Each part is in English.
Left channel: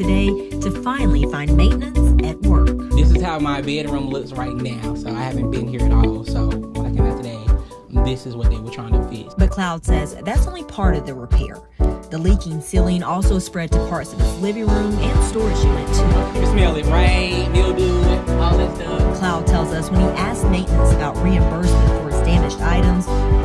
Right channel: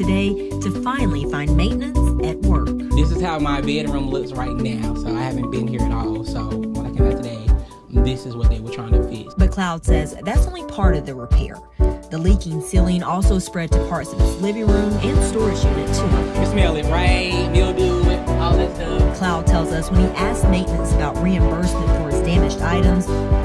today to finally find maintenance at work. This is how my bedroom looks right now, so I haven't been here at all. So when I came out today, this is what they were trying to fix. But Cloud says that's only part of the repair. The leaking ceiling also spread to parts of his living room and storage unit too. You smell it, rain, mildew, all that stuff. Cloud tells us when he asked maintenance about reimbursement for his damaged items,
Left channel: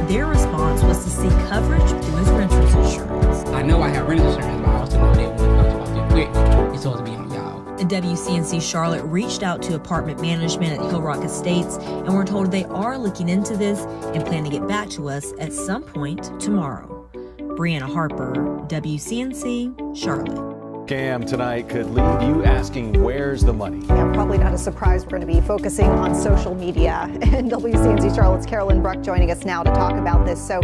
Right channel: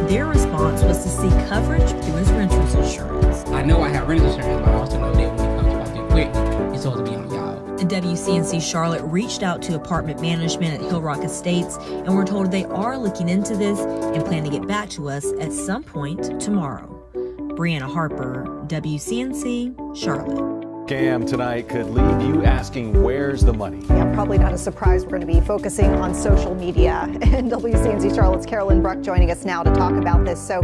their response was to seek coverage through his renter's insurance. I know I have renter's insurance, but I also know that when it talks about the equipment, it's supposed to be on y'all. The WCNC Charlotte reached out to apartment management at Hill Rock Estates and were told they are looking into this and plan to get back to us at some point tomorrow. Brianna Harper, WCNC, Charlotte. Scam tonight could leave you asking, where's the money? Yeah, probably not a surprise. We're going to be focusing on social media. And WCNC Charlotte's Carolyn Bruck joining us now to talk about this. So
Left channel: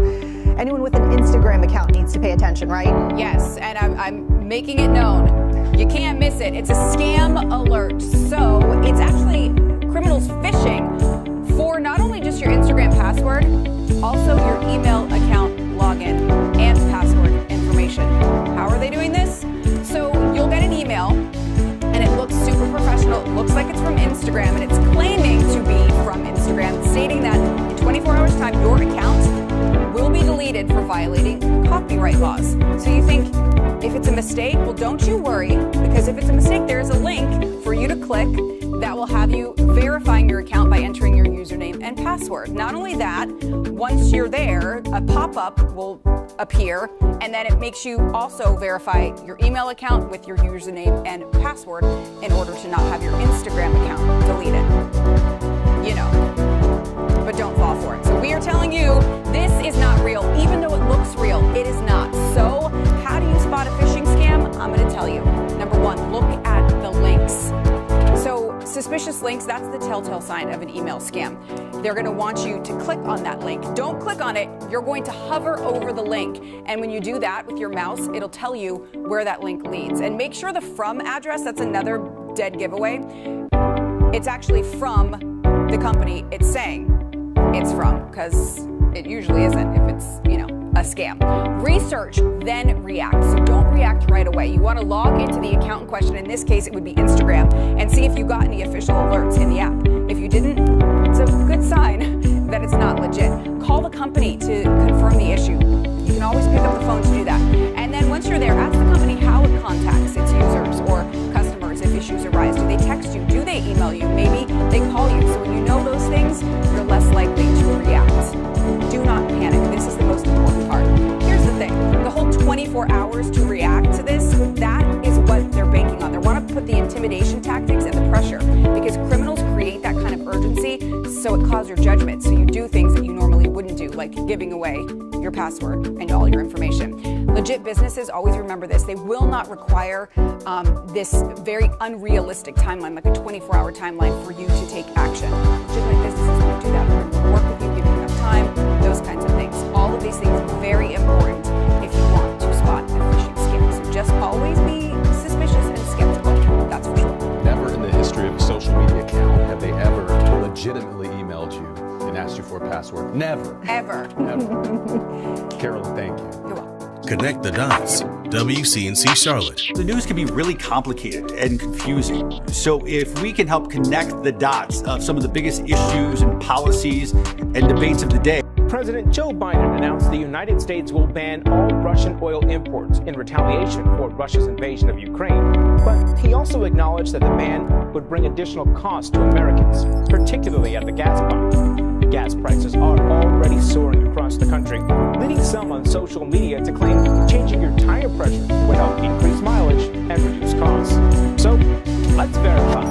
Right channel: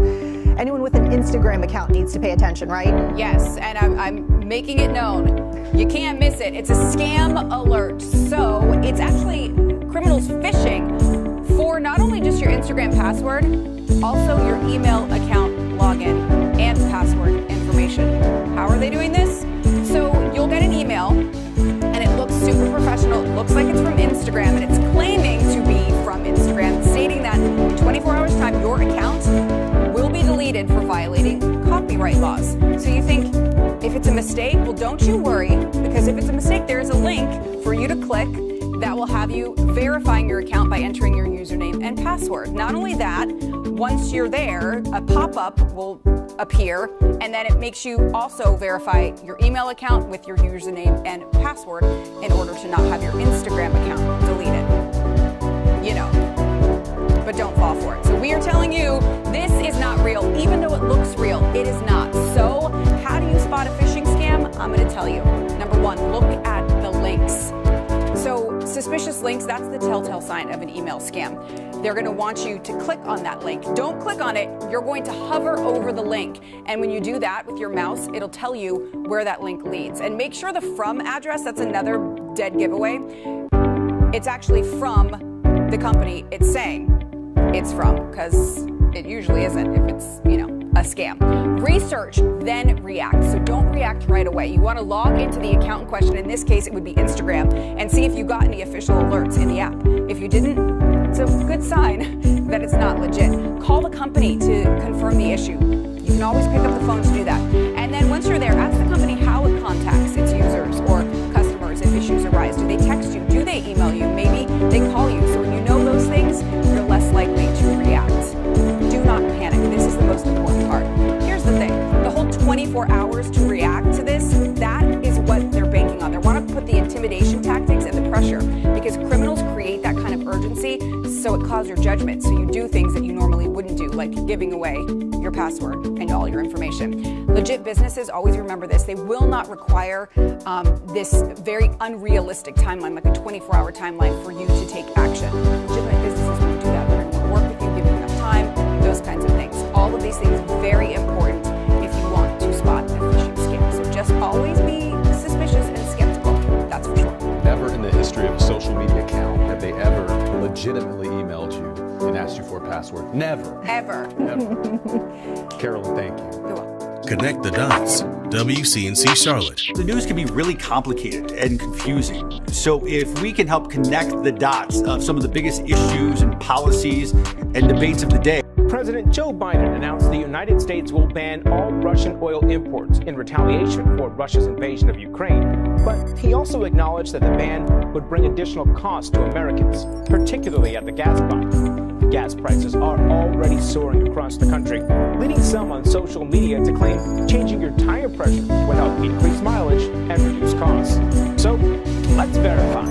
anyone with an Instagram account needs to pay attention, right? Yes, and I'm making it known. You can't miss it. It's a scam alert. So it's actually criminals phishing for not only just your Instagram password, also your email account login and password information. How are they doing this? So you'll get an email and it looks super professional. It looks like it's from Instagram and it's claiming to be from Instagram, stating that in 24 hours time your account will be deleted for violating copyright laws. So you think, if it's a mistake, well, don't you worry, because if it's a mistake, there's a link for you to click that will have you verifying your account by entering your username and password. Not only that, once you're there, a pop-up will appear, and then it makes you also verify your email account with your username and password in order to not have your Instagram account deleted. You know, but don't fall for it. So we are telling you, this is not real. Even though it looks real, it is not. So how do you spot a phishing scam? I'm going to tell you. Number one, look at the links. So suspicious links, that's the telltale sign of an email scam. They're going to want you to click on that link. Don't click on it. You're going to hover over the link. And when you do that with your mouse, it'll tell you where that link leads. And make sure the from address, that's another dead giveaway. It's actually from the company it's saying it's from, because it usually isn't if it's, a scam. Research, then react. So don't react right away. You want to log into the account in question. In this case, it would be Instagram, and see if you got any official alerts in the app. If you didn't, it's a good sign that it's not legit. Call the company to confirm the issue. You can always pick up the phone to do that. And then once you're there, ask the company how it contacts its users or customers if issues arise. Do they text you? Do they email you? Maybe they call you. So when you know those things, you're less likely to react. Do not panic. This is the most important part. Here's the thing. The whole 24 hours to react to this, that is what they're banking on. They want to put the intimidation tactics and the pressure, because criminals create that kind of urgency so it causes your judgment. So you do things that you normally wouldn't do, like giving away your password and all your information. Legit businesses, always remember this, they will not require this very unrealistic timeline, like a 24-hour timeline for you to take action. Legitimate businesses won't do that. They're going to work with you, give you enough time, those kinds of things. All of these things are very important if you want to spot a phishing scam. So just always be suspicious and skeptical. That's for sure. Never in the history of a social media account have they ever legitimately emailed you and asked you for a password. Never. Ever. Ever. Carolyn, thank you. Connect the dots. WCNC Charlotte. The news can be really complicated and confusing. So if we can help connect the dots of some of the biggest issues and policies and debates of the day. President Joe Biden announced the United States will ban all Russian oil imports in retaliation for Russia's invasion of Ukraine. But he also acknowledged that the ban would bring additional costs to Americans, particularly at the gas pump. Gas prices are already soaring across the country, leading some on social media to claim changing your tire pressure would help increase mileage and reduce costs. So let's verify.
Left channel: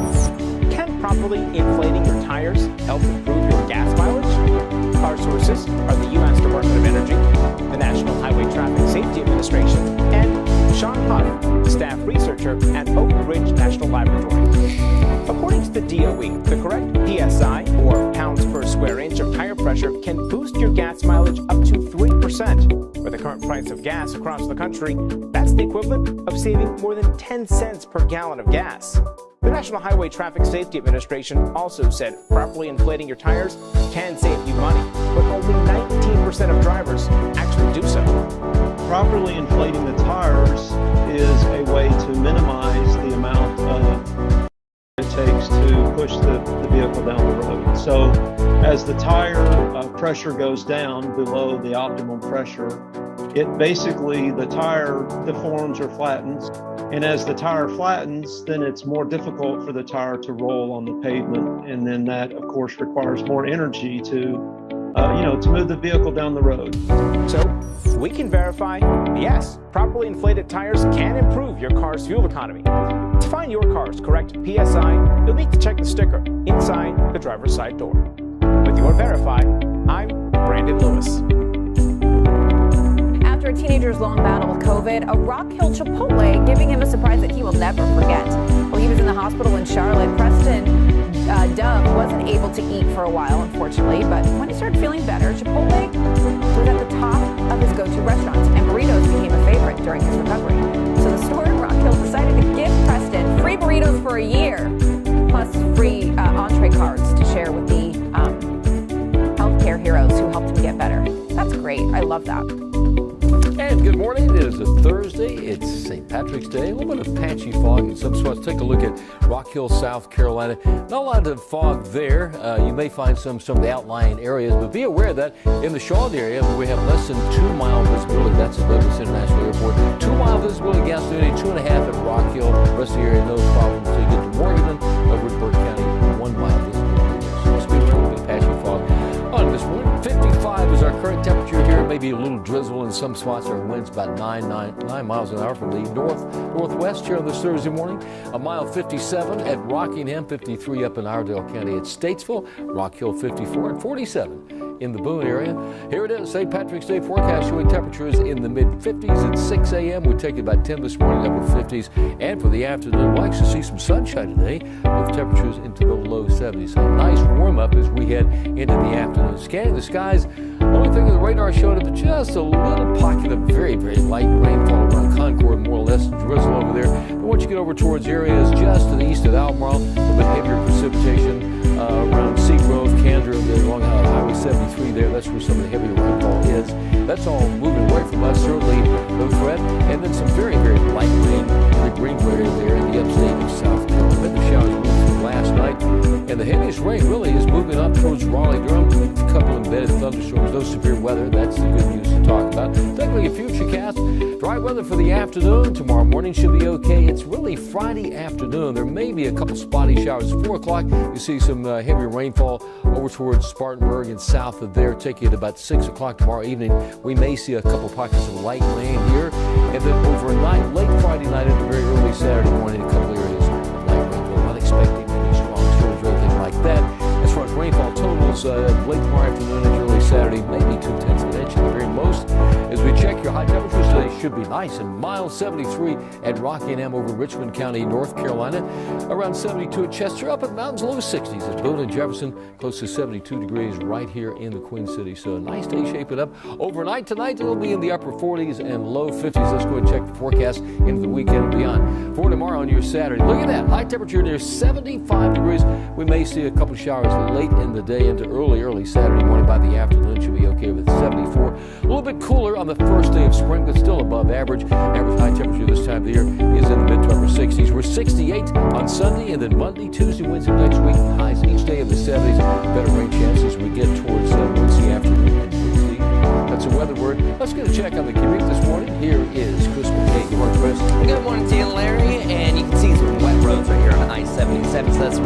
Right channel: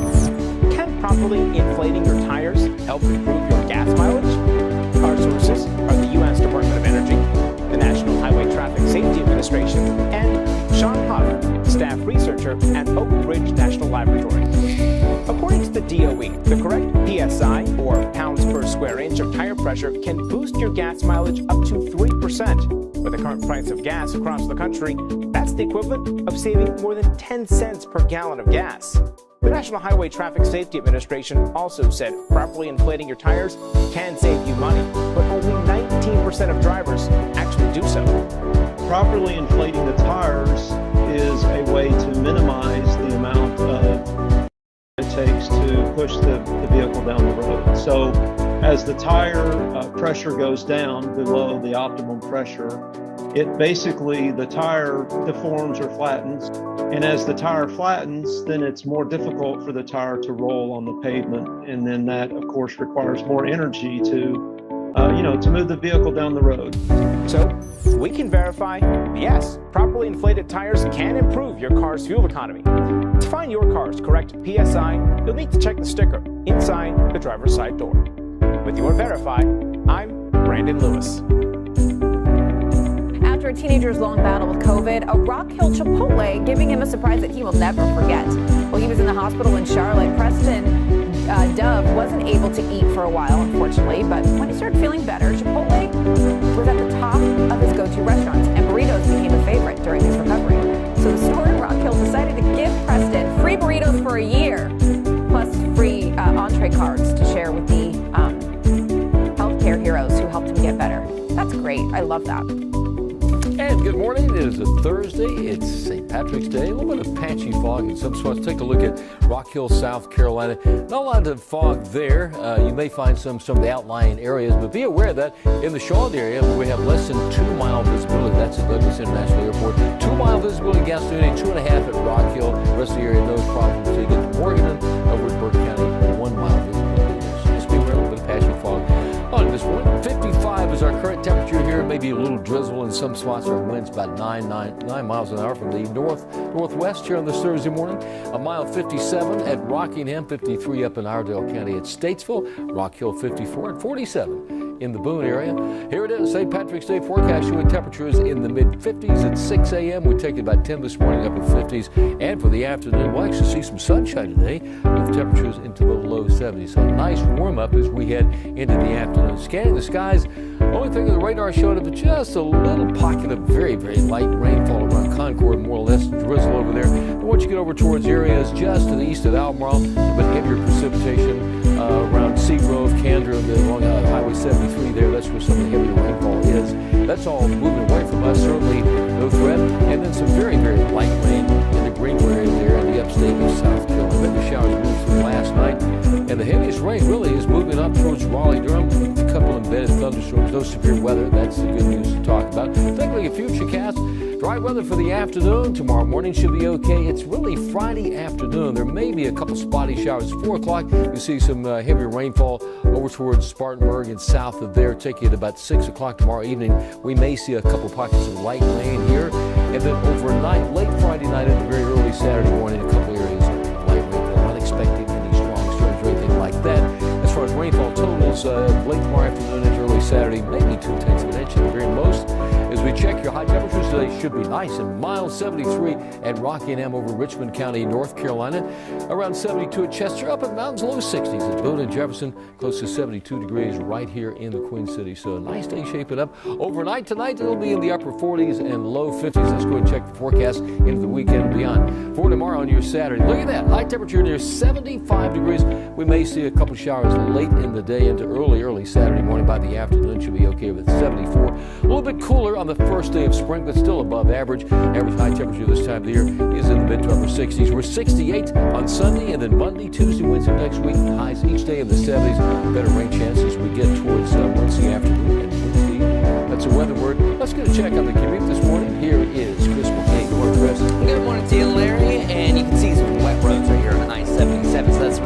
Can properly inflating your tires help improve your gas mileage? Our sources are the U.S. Department of Energy, the National Highway Traffic Safety Administration, and Sean Huff, staff researcher at Oak Ridge National Laboratory. According to the DOE, the correct PSI, or pounds per square inch of tire pressure, can boost your gas mileage up to 3%. With the current price of gas across the country, that's the equivalent of saving more than 10 cents per gallon of gas. The National Highway Traffic Safety Administration also said properly inflating your tires can save you money, but only 19% of drivers actually do so. Properly inflating the tires is a way to minimize the amount of it takes to push the vehicle down the road. So as the tire pressure goes down below the optimum pressure, it basically, the tire deforms or flattens. And as the tire flattens, then it's more difficult for the tire to roll on the pavement. And then that, of course, requires more energy to move the vehicle down the road. So we can verify, yes, properly inflated tires can improve your car's fuel economy. To find your car's correct PSI, you'll need to check the sticker inside the driver's side door. With your Verify, I'm Brandon Lewis. After a teenager's long battle with COVID, a Rock Hill Chipotle giving him a surprise that he will never forget. While he was in the hospital in Charlotte, Preston Dove wasn't able to eat for a while, unfortunately, but when he started feeling better, Chipotle was at the top of his go-to restaurants, and burritos became a favorite during his recovery. So the store in Rock Hill decided to give Preston free burritos for a year, plus free entree cards to share with the healthcare heroes who helped him get better. That's great. I love that. And good morning. It is a Thursday. It's St. Patrick's Day. A little bit of patchy fog in some spots. Take a look at Rock Hill, South Carolina. Not a lot of fog there. You may find some of the outlying areas, but be aware that in the Charlotte area, we have less than 2 mile visibility. That's at Douglas International Airport. 2 mile visibility, Gastonia, 2.5 at Rock Hill. Rest of the area, no problem. So you get to Morgan over at Burke County, 1 mile visibility. So must be a little bit of patchy fog on this one. 55 is our current temperature here. Maybe a little drizzle in some spots. Our winds about 9 miles an hour from the northwest here on this Thursday morning. A mile 57 at Rockingham, 53 up in Iredell County at Statesville, Rock Hill 54 and 47 in the Boone area. Here it is, St. Patrick's Day forecast showing temperatures in the mid-50s at 6 a.m. We take about 10 this morning, upper 50s. And for the afternoon, we'll actually see some sunshine today with temperatures into the low 70s. So a nice warm-up as we head into the afternoon. Scanning the skies, only thing on the radar showed up just a little pocket of very, very light rainfall around Concord, more or less drizzle over there. But once you get over towards areas just to the east of Albemarle, a bit heavier precipitation around Seagrove, Candor, and along Highway 73 there. That's where some of the heavier rainfall is. That's all moving away from us, certainly no threat. And then some very, very light rain in the Greenville area there in the upstate of South Carolina. Then the showers moved through last night. And the heaviest rain really is moving up towards Raleigh-Durham. A couple embedded thunderstorms, no severe weather. That's the good news to talk about. Technically a futurecast. Dry weather for the afternoon. Tomorrow morning should be okay. It's really Friday afternoon. There may be a couple spotty showers. 4 o'clock, you see some heavier rainfall over towards Spartanburg and south of there. Take you at about 6 o'clock tomorrow evening. We may see a couple pockets of light rain here. And then overnight, late Friday night into very early Saturday morning, a couple areas of light rainfall. Not expecting any strong storms or anything like that. As far as rainfall totals, late tomorrow afternoon into early Saturday, maybe 2/10 of an inch at the very most. As we check your high temperatures today, should be nice and mild. 73 at Rockingham over Richmond County, North Carolina. Around 72 at Chester, up in the mountains, low 60s at Boone and Jefferson, close to 72 degrees right here in the Queen City. So a nice day shaping up. Overnight tonight, it'll be in the upper 40s and low 50s. Let's go and check the forecast into the weekend and beyond. For tomorrow on your Saturday, look at that. High temperature near 75 degrees. We may see a couple showers late in the day into early Saturday morning. By the afternoon, should be okay with 74. A little bit cooler on the first day of spring, but still above average. Average high temperature this time of the year is in the mid to upper 60s. We're 68 on Sunday, and then Monday, Tuesday, Wednesday next week. Highs each day in the 70s. Better rain chances as we get towards Wednesday afternoon and Wednesday. That's a weather word. Let's get a check on the commute this morning. Here is Chris McKay. Good morning, Chris. Good morning to you, Larry. And you can see some wet roads right here on I-77. So that's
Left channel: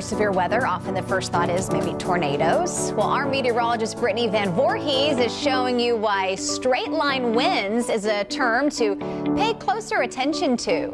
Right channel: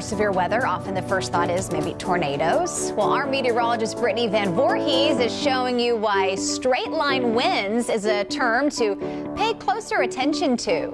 severe weather, often the first thought is maybe tornadoes. Well, our meteorologist Brittany Van Voorhees is showing you why straight line winds is a term to pay closer attention to.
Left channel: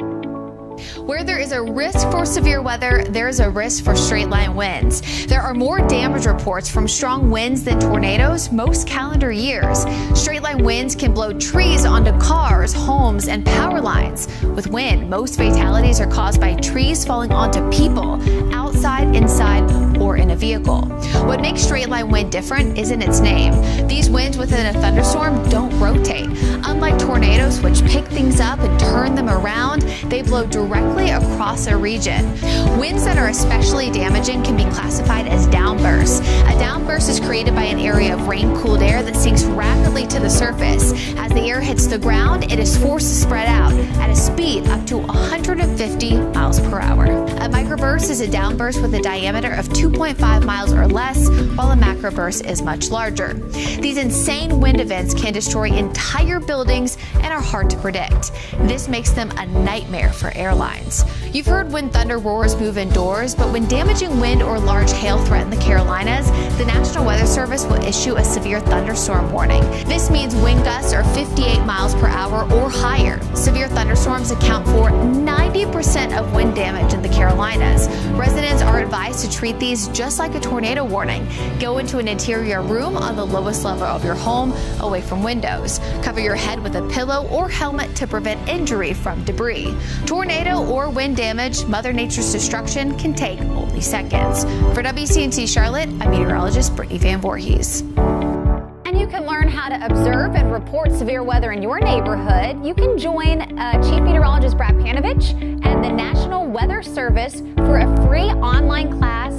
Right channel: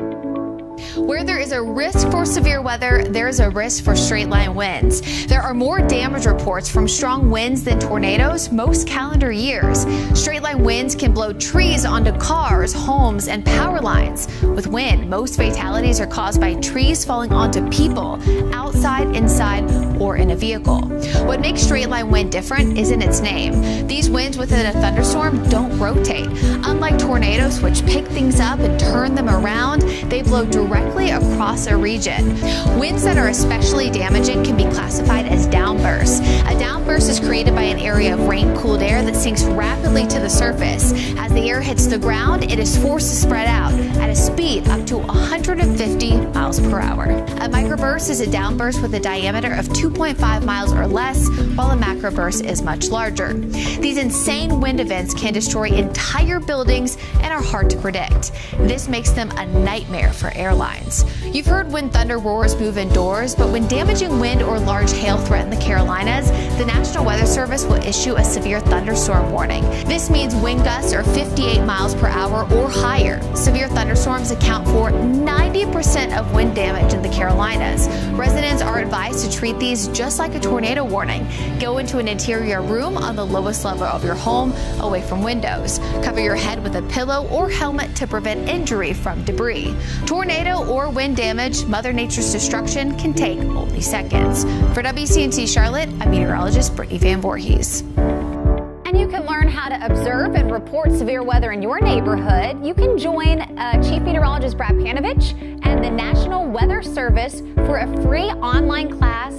Where there is a risk for severe weather, there is a risk for straight line winds. There are more damage reports from strong winds than tornadoes most calendar years. Straight line winds can blow trees onto cars, homes, and power lines. With wind, most fatalities are caused by trees falling onto people, outside, inside, or in a vehicle. What makes straight line wind different isn't its name. These winds within a thunderstorm don't rotate. Unlike tornadoes, which pick things up and turn them around, they blow directly across a region. Winds that are especially damaging can be classified as downbursts. A downburst is created by an area of rain-cooled air that sinks rapidly to the surface. As the air hits the ground, it is forced to spread out at a speed up to 150 miles per hour. A microburst is a downburst with a diameter of 2.5 miles or less, while a macroburst is much larger. These insane wind events can destroy entire buildings and are hard to predict. This makes them a nightmare for airlines. You've heard when thunder roars move indoors, but when damaging wind or large hail threaten the Carolinas, the National Weather Service will issue a severe thunderstorm warning. This means wind gusts are 58 miles per hour or higher. Severe thunderstorms account for 90% of wind damage in the Carolinas. Residents are advised to treat these just like a tornado warning. Go into an interior room on the lowest level of your home, away from windows. Cover your head with a pillow or helmet to prevent injury from debris. Tornado or wind damage, Mother Nature's destruction can take only seconds. For WCNC Charlotte, I'm meteorologist Brittany Van Voorhees. And you can learn how to observe and report severe weather in your neighborhood. You can join Chief Meteorologist Brad Panovich and the National Weather Service for a free online class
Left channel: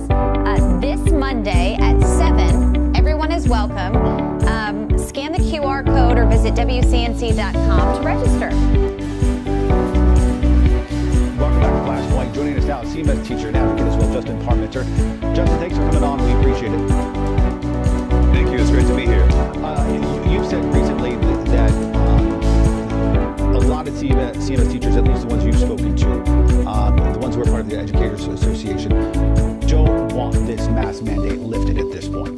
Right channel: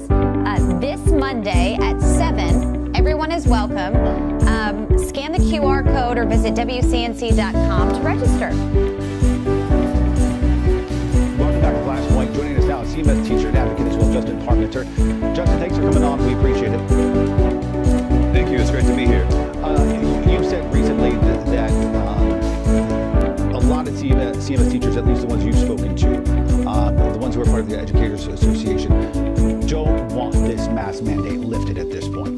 this Monday at 7. Everyone is welcome. Scan the QR code or visit WCNC.com to register. Welcome back to Flash Point. Joining us now, CMS teacher and advocate as well, Justin Parmenter. Justin, thanks for coming on. We appreciate it. Thank you. It's great to be here. You've said recently that a lot of CMS teachers, at least the ones you've spoken to, the ones who are part of the Educators Association, don't want this mask mandate lifted at this point.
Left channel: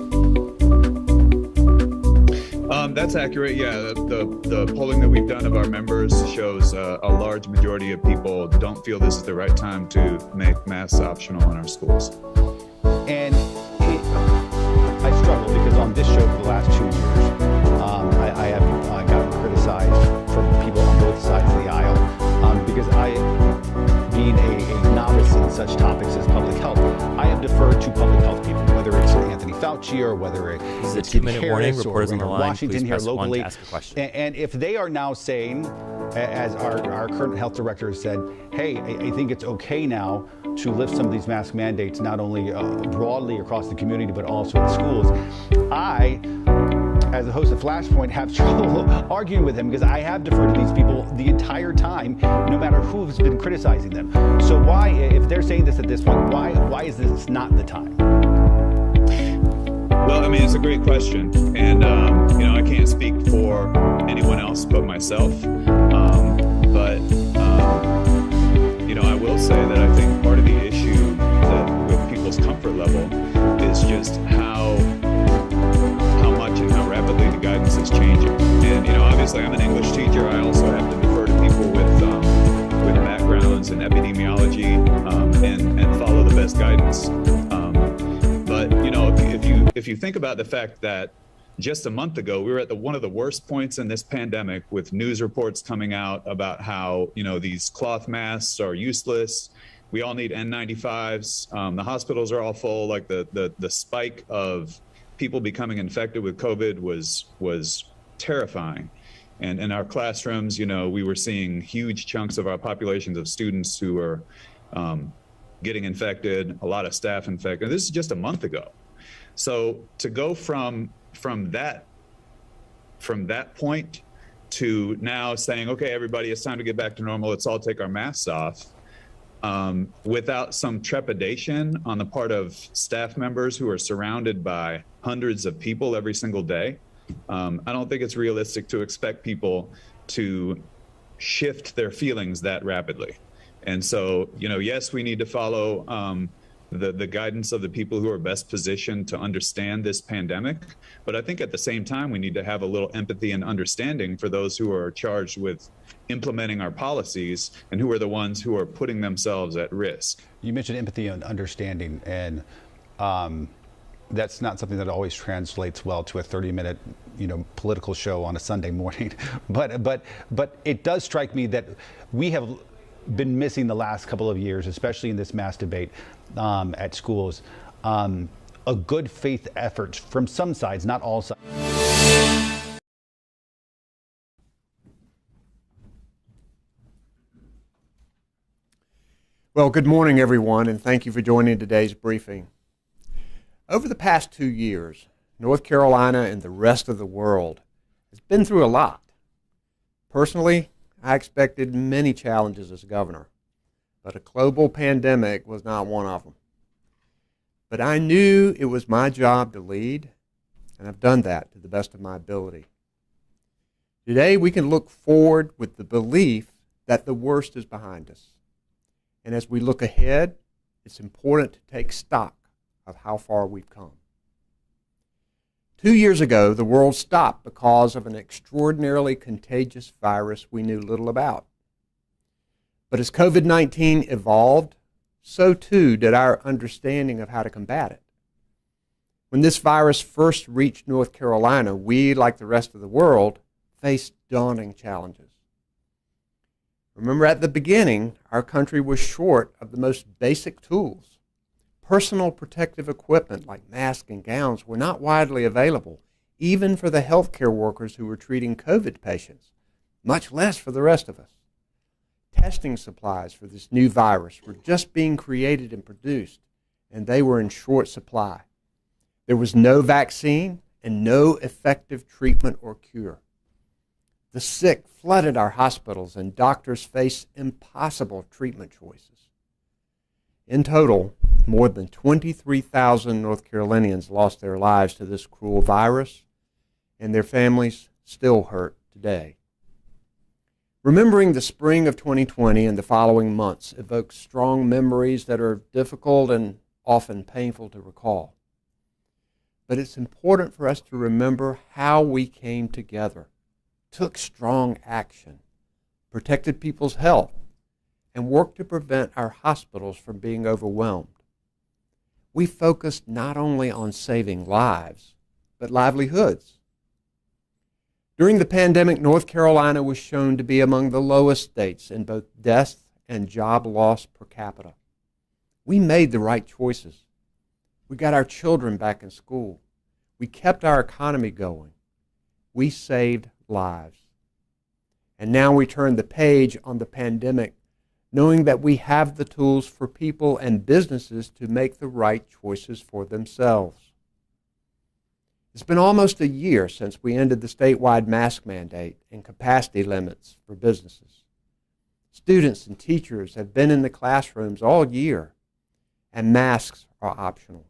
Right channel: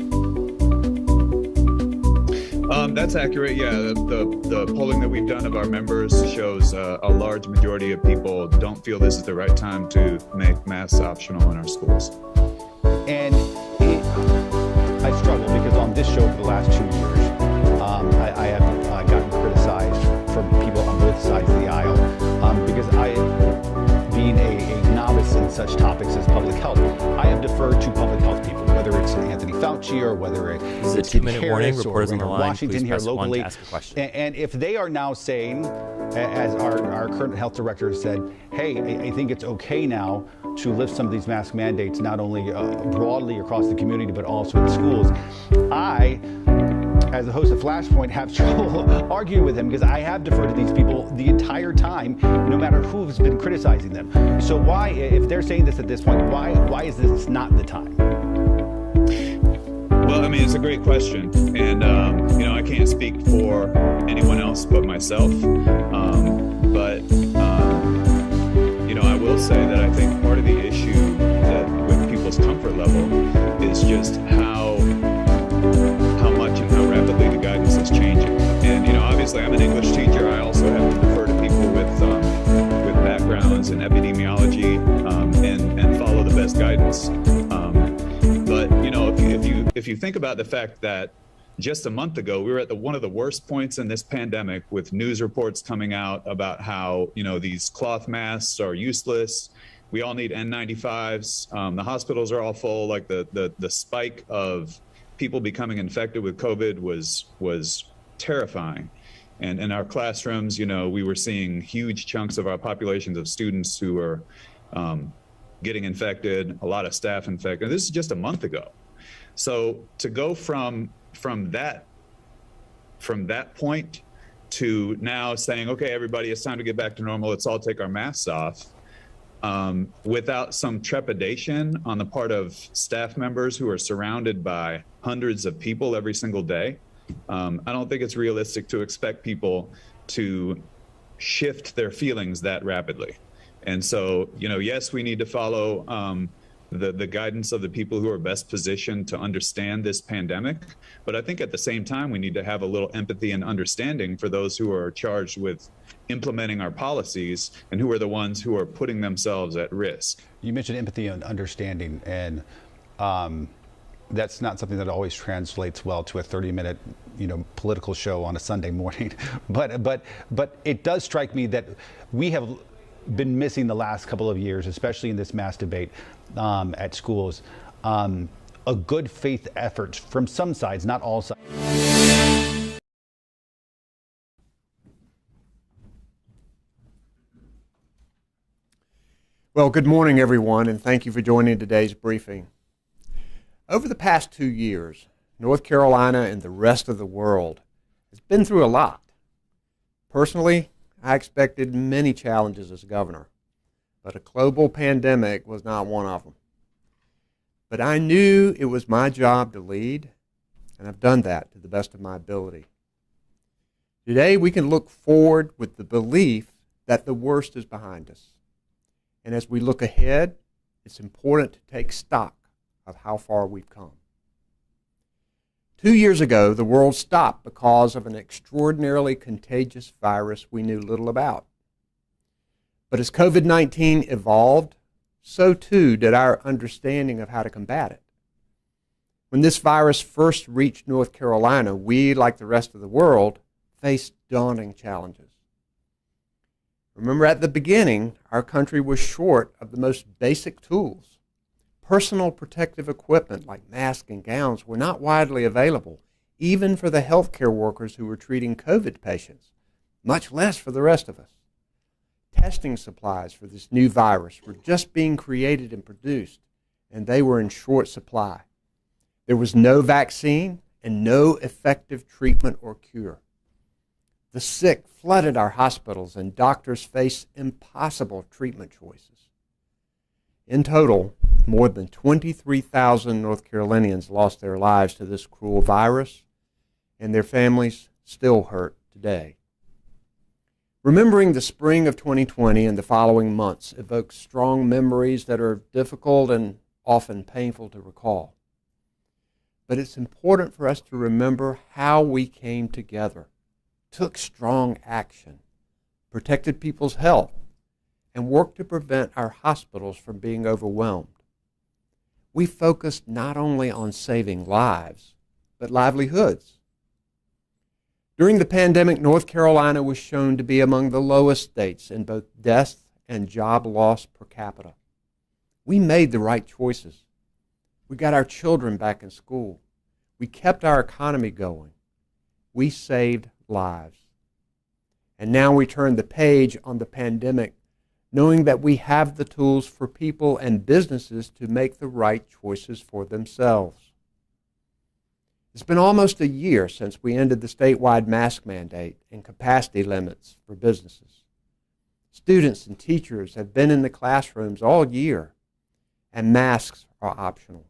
That's accurate. Yeah, the polling that we've done of our members shows a large majority of people don't feel this is the right time to make masks optional in our schools. And I struggle because on this show for the last 2 years, I have gotten criticized from people on both sides of the aisle because being a novice in such topics as public health, I have deferred to public health people, whether it's Anthony Fauci or whether it's Tim Harris or Washington here locally. And if they are now saying, as our current health director said, hey, I think it's okay now to lift some of these mask mandates, not only broadly across the community, but also in schools, I, as the host of Flashpoint, have trouble arguing with him because I have deferred to these people the entire time, no matter who's been criticizing them. So why, if they're saying this at this point, why is this not the time? Well, I mean, it's a great question. And, I can't speak for anyone else but myself. I will say that I think part of the issue with people's comfort level is just how much and how rapidly the guidance is changing. And, obviously I'm an English teacher. I also have to defer to people with backgrounds in epidemiology and follow the best guidance. If you think about the fact that just a month ago, we were at one of the worst points in this pandemic with news reports coming out about how, these cloth masks are useless. We all need N95s. The hospitals are all full. Like the spike of people becoming infected with COVID was terrifying. And in our classrooms, we were seeing huge chunks of our populations of students who were getting infected, a lot of staff infected. This is just a month ago. So to go from that point to now saying, okay, everybody, it's time to get back to normal. Let's all take our masks off without some trepidation on the part of staff members who are surrounded by hundreds of people every single day. I don't think it's realistic to expect people to shift their feelings that rapidly. And so, yes, we need to follow the guidance of the people who are best positioned to understand this pandemic. But I think at the same time, we need to have a little empathy and understanding for those who are charged with implementing our policies and who are the ones who are putting themselves at risk. You mentioned empathy and understanding, and that's not something that always translates well to a 30-minute, political show on a Sunday morning. But it does strike me that we have been missing the last couple of years, especially in this mass debate at schools, a good faith effort from some sides, not all sides. Well, good morning, everyone, and thank you for joining today's briefing. Over the past 2 years, North Carolina and the rest of the world has been through a lot. Personally, I expected many challenges as governor, but a global pandemic was not one of them. But I knew it was my job to lead, and I've done that to the best of my ability. Today, we can look forward with the belief that the worst is behind us. And as we look ahead, it's important to take stock of how far we've come. 2 years ago, the world stopped because of an extraordinarily contagious virus we knew little about. But as COVID-19 evolved, so too did our understanding of how to combat it. When this virus first reached North Carolina, we, like the rest of the world, faced daunting challenges. Remember, at the beginning, our country was short of the most basic tools. Personal protective equipment like masks and gowns were not widely available, even for the healthcare workers who were treating COVID patients, much less for the rest of us. Testing supplies for this new virus were just being created and produced, and they were in short supply. There was no vaccine and no effective treatment or cure. The sick flooded our hospitals, and doctors faced impossible treatment choices. In total, more than 23,000 North Carolinians lost their lives to this cruel virus, and their families still hurt today. Remembering the spring of 2020 and the following months evokes strong memories that are difficult and often painful to recall. But it's important for us to remember how we came together, took strong action, protected people's health, and worked to prevent our hospitals from being overwhelmed. We focused not only on saving lives, but livelihoods. During the pandemic, North Carolina was shown to be among the lowest states in both death and job loss per capita. We made the right choices. We got our children back in school. We kept our economy going. We saved lives. And now we turn the page on the pandemic, knowing that we have the tools for people and businesses to make the right choices for themselves. It's been almost a year since we ended the statewide mask mandate and capacity limits for businesses. Students and teachers have been in the classrooms all year, and masks are optional.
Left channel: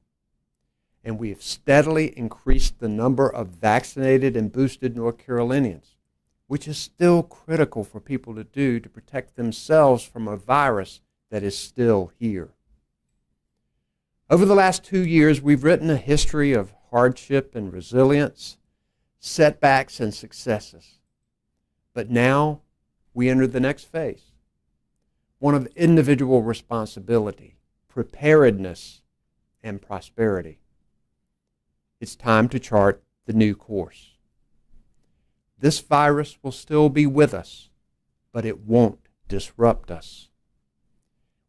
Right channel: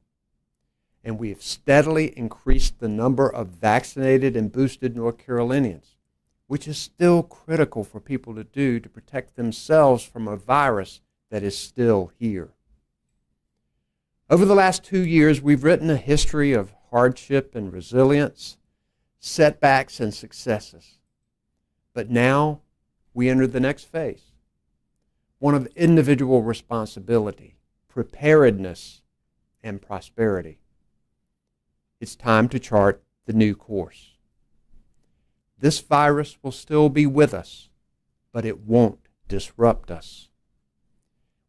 And we have steadily increased the number of vaccinated and boosted North Carolinians, which is still critical for people to do to protect themselves from a virus that is still here. Over the last 2 years, we've written a history of hardship and resilience, setbacks and successes. But now we enter the next phase, one of individual responsibility, preparedness, and prosperity. It's time to chart the new course. This virus will still be with us, but it won't disrupt us.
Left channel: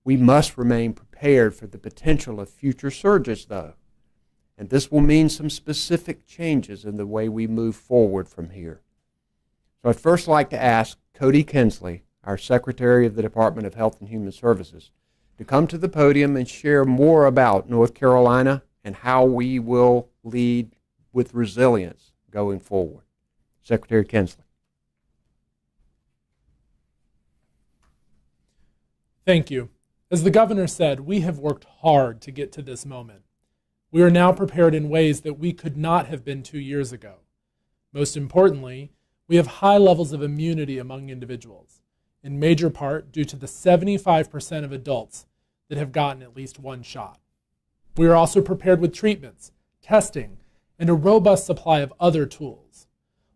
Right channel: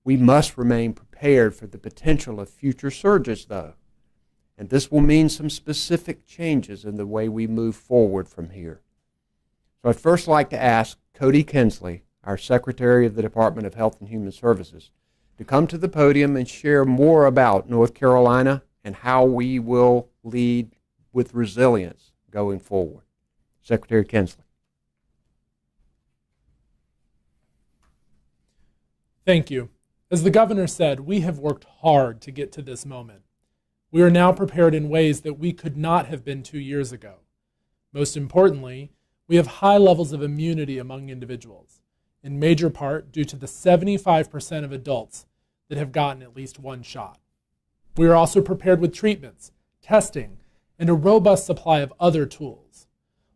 We must remain prepared for the potential of future surges, though, and this will mean some specific changes in the way we move forward from here. So I'd first like to ask Kody Kinsley, our Secretary of the Department of Health and Human Services, to come to the podium and share more about North Carolina and how we will lead with resilience going forward. Secretary Kinsley. Thank you. As the governor said, we have worked hard to get to this moment. We are now prepared in ways that we could not have been 2 years ago. Most importantly, we have high levels of immunity among individuals, in major part due to the 75% of adults that have gotten at least one shot. We are also prepared with treatments, testing, and a robust supply of other tools.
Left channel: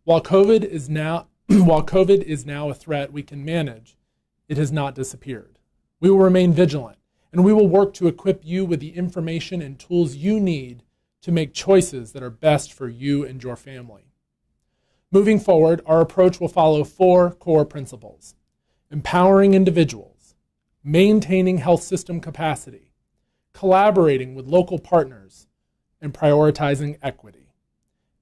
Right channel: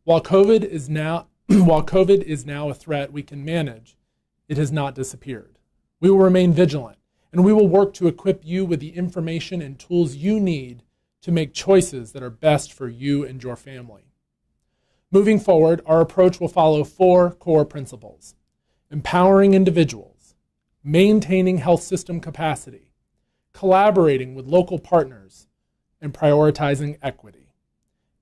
While COVID is now a threat we can manage, it has not disappeared. We will remain vigilant, and we will work to equip you with the information and tools you need to make choices that are best for you and your family. Moving forward, our approach will follow 4 core principles: empowering individuals, maintaining health system capacity, collaborating with local partners, and prioritizing equity.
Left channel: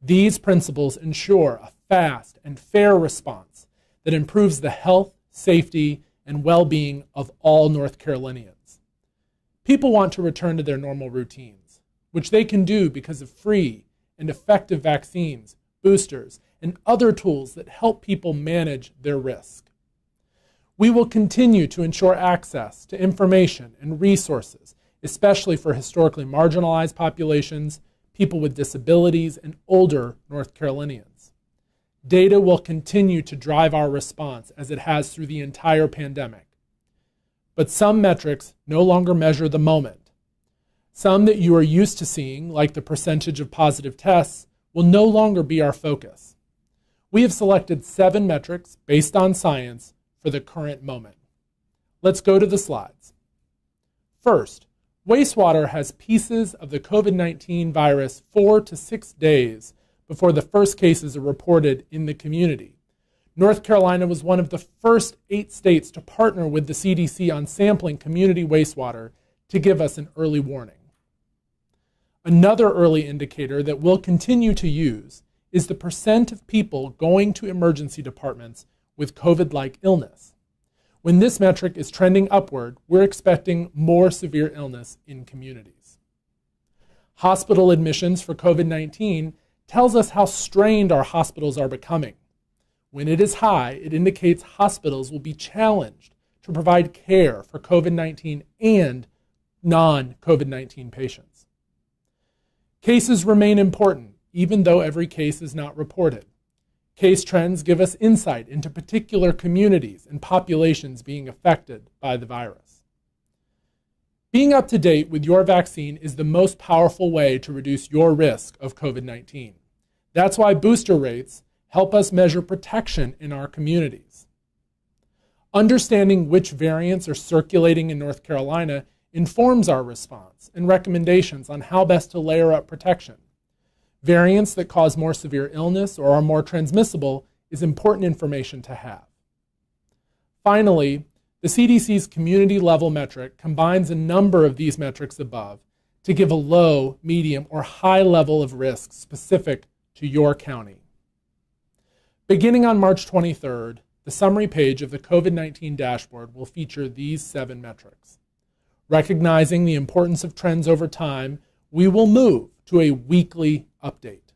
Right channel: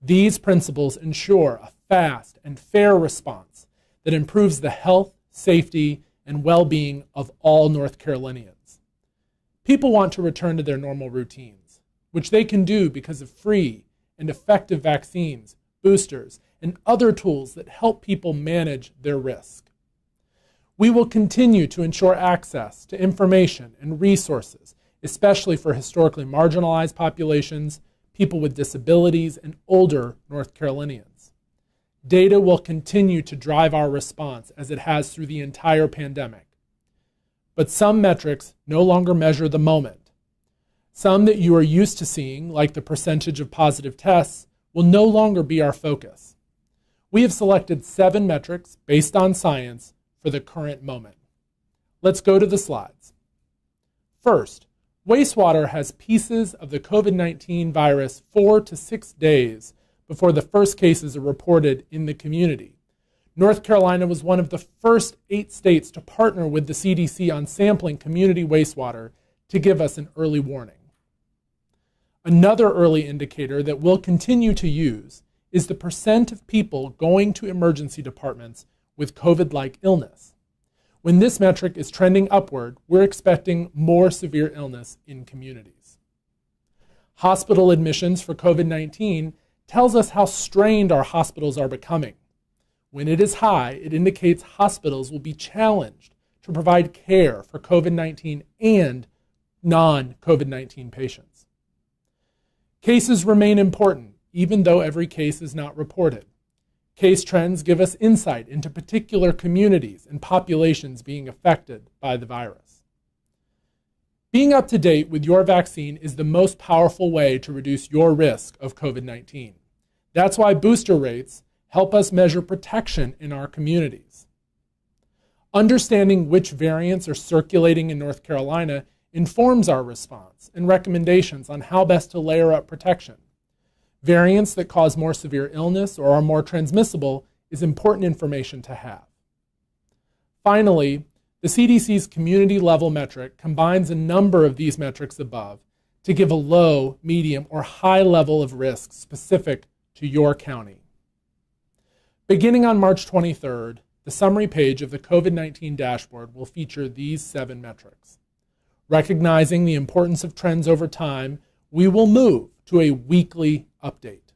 These principles ensure a fast and fair response that improves the health, safety, and well-being of all North Carolinians. People want to return to their normal routines, which they can do because of free and effective vaccines, boosters, and other tools that help people manage their risk. We will continue to ensure access to information and resources, especially for historically marginalized populations, people with disabilities, and older North Carolinians. Data will continue to drive our response as it has through the entire pandemic. But some metrics no longer measure the moment. Some that you are used to seeing, like the percentage of positive tests, will no longer be our focus. We have selected 7 metrics based on science for the current moment. Let's go to the slides. First, wastewater has pieces of the COVID-19 virus 4 to 6 days before the first cases are reported in the community. North Carolina was one of the first 8 states to partner with the CDC on sampling community wastewater to give us an early warning. Another early indicator that we'll continue to use is the percent of people going to emergency departments with COVID-like illness. When this metric is trending upward, we're expecting more severe illness in communities. Hospital admissions for COVID-19 tells us how strained our hospitals are becoming. When it is high, it indicates hospitals will be challenged to provide care for COVID-19 and non-COVID-19 patients. Cases remain important, even though every case is not reported. Case trends give us insight into particular communities and populations being affected by the virus. Being up to date with your vaccine is the most powerful way to reduce your risk of COVID-19. That's why booster rates help us measure protection in our communities. Understanding which variants are circulating in North Carolina informs our response and recommendations on how best to layer up protection. Variants that cause more severe illness or are more transmissible is important information to have. Finally, the CDC's community-level metric combines a number of these metrics above to give a low, medium, or high level of risk specific to your county. Beginning on March 23rd, the summary page of the COVID-19 dashboard will feature these 7 metrics. Recognizing the importance of trends over time, we will move to a weekly update.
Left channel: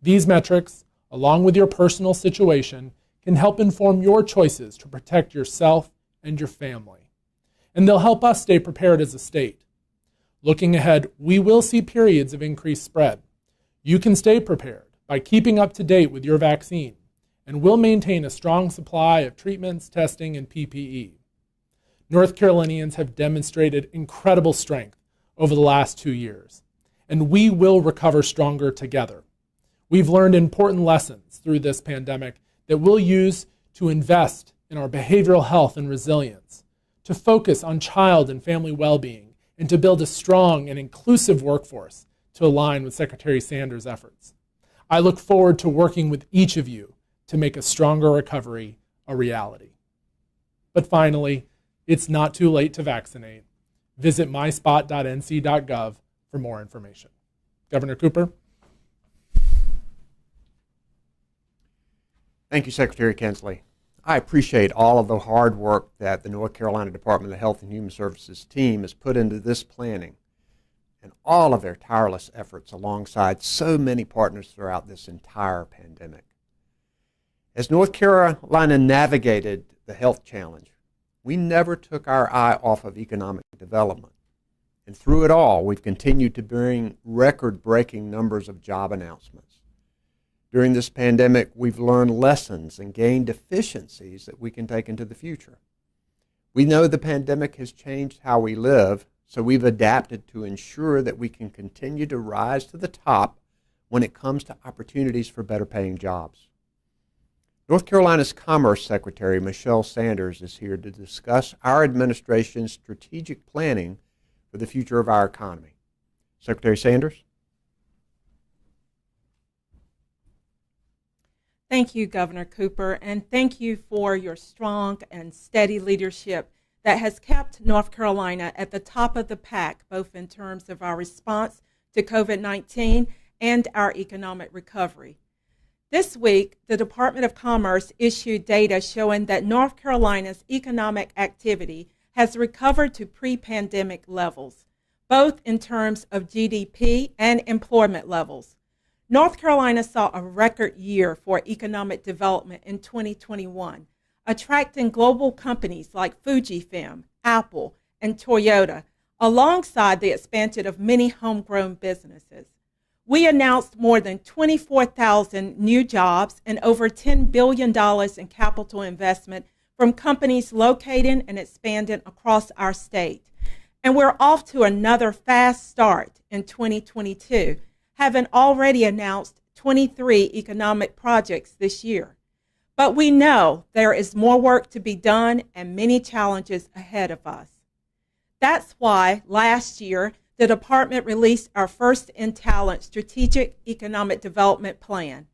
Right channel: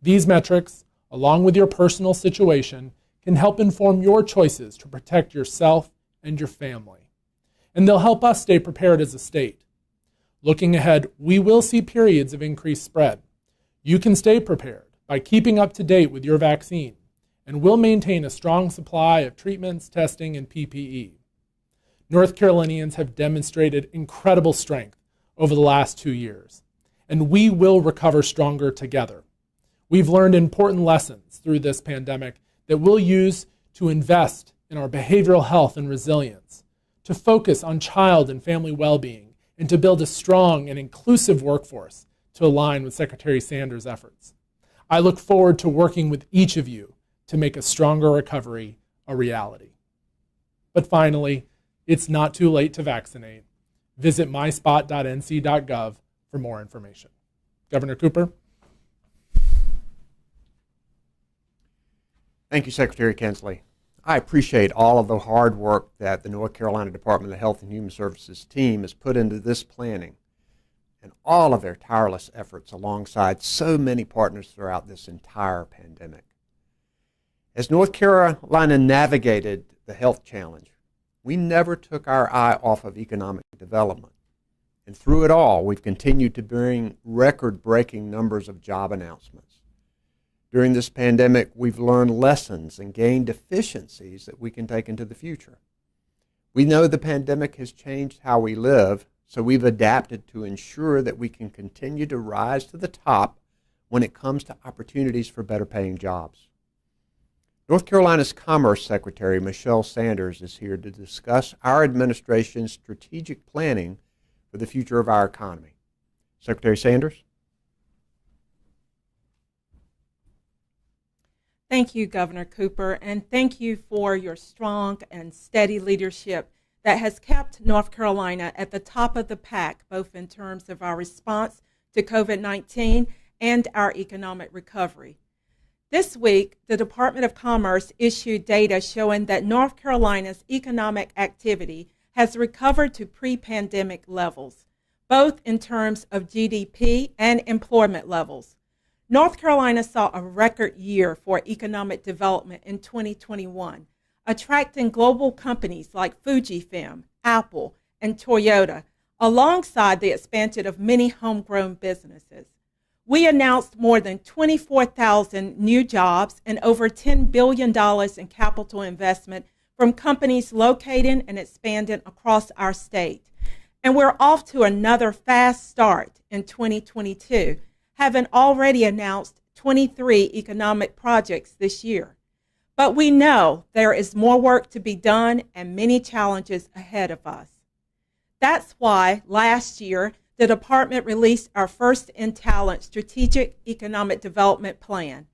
These metrics, along with your personal situation, can help inform your choices to protect yourself and your family. And they'll help us stay prepared as a state. Looking ahead, we will see periods of increased spread. You can stay prepared by keeping up to date with your vaccine, and we'll maintain a strong supply of treatments, testing, and PPE. North Carolinians have demonstrated incredible strength over the last 2 years, and we will recover stronger together. We've learned important lessons through this pandemic that we'll use to invest in our behavioral health and resilience, to focus on child and family well-being, and to build a strong and inclusive workforce to align with Secretary Sanders' efforts. I look forward to working with each of you to make a stronger recovery a reality. But finally, it's not too late to vaccinate. Visit myspot.nc.gov for more information. Governor Cooper. Thank you, Secretary Kinsley. I appreciate all of the hard work that the North Carolina Department of Health and Human Services team has put into this planning and all of their tireless efforts alongside so many partners throughout this entire pandemic. As North Carolina navigated the health challenge, we never took our eye off of economic development. And through it all, we've continued to bring record-breaking numbers of job announcements. During this pandemic, we've learned lessons and gained efficiencies that we can take into the future. We know the pandemic has changed how we live, So we've adapted to ensure that we can continue to rise to the top when it comes to opportunities for better paying jobs. North Carolina's Commerce Secretary, Michelle Sanders, is here to discuss our administration's strategic planning for the future of our economy. Secretary Sanders? Thank you, Governor Cooper, and thank you for your strong and steady leadership that has kept North Carolina at the top of the pack, both in terms of our response to COVID-19 and our economic recovery. This week, the Department of Commerce issued data showing that North Carolina's economic activity has recovered to pre-pandemic levels, both in terms of GDP and employment levels. North Carolina saw a record year for economic development in 2021, attracting global companies like Fujifilm, Apple, and Toyota, alongside the expansion of many homegrown businesses. We announced more than 24,000 new jobs and over $10 billion in capital investment from companies locating and expanding across our state. And we're off to another fast start in 2022, having already announced 23 economic projects this year. But we know there is more work to be done and many challenges ahead of us. That's why last year, the department released our first in talent strategic economic development plan.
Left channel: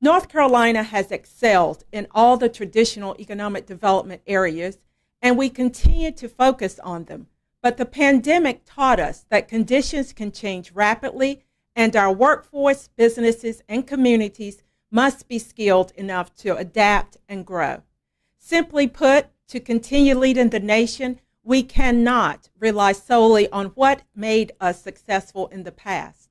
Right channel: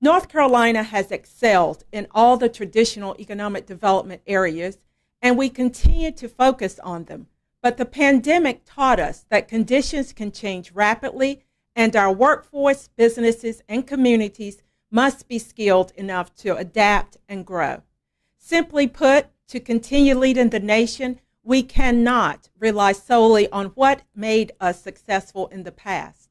North Carolina has excelled in all the traditional economic development areas, and we continue to focus on them. But the pandemic taught us that conditions can change rapidly, and our workforce, businesses, and communities must be skilled enough to adapt and grow. Simply put, to continue leading the nation, we cannot rely solely on what made us successful in the past.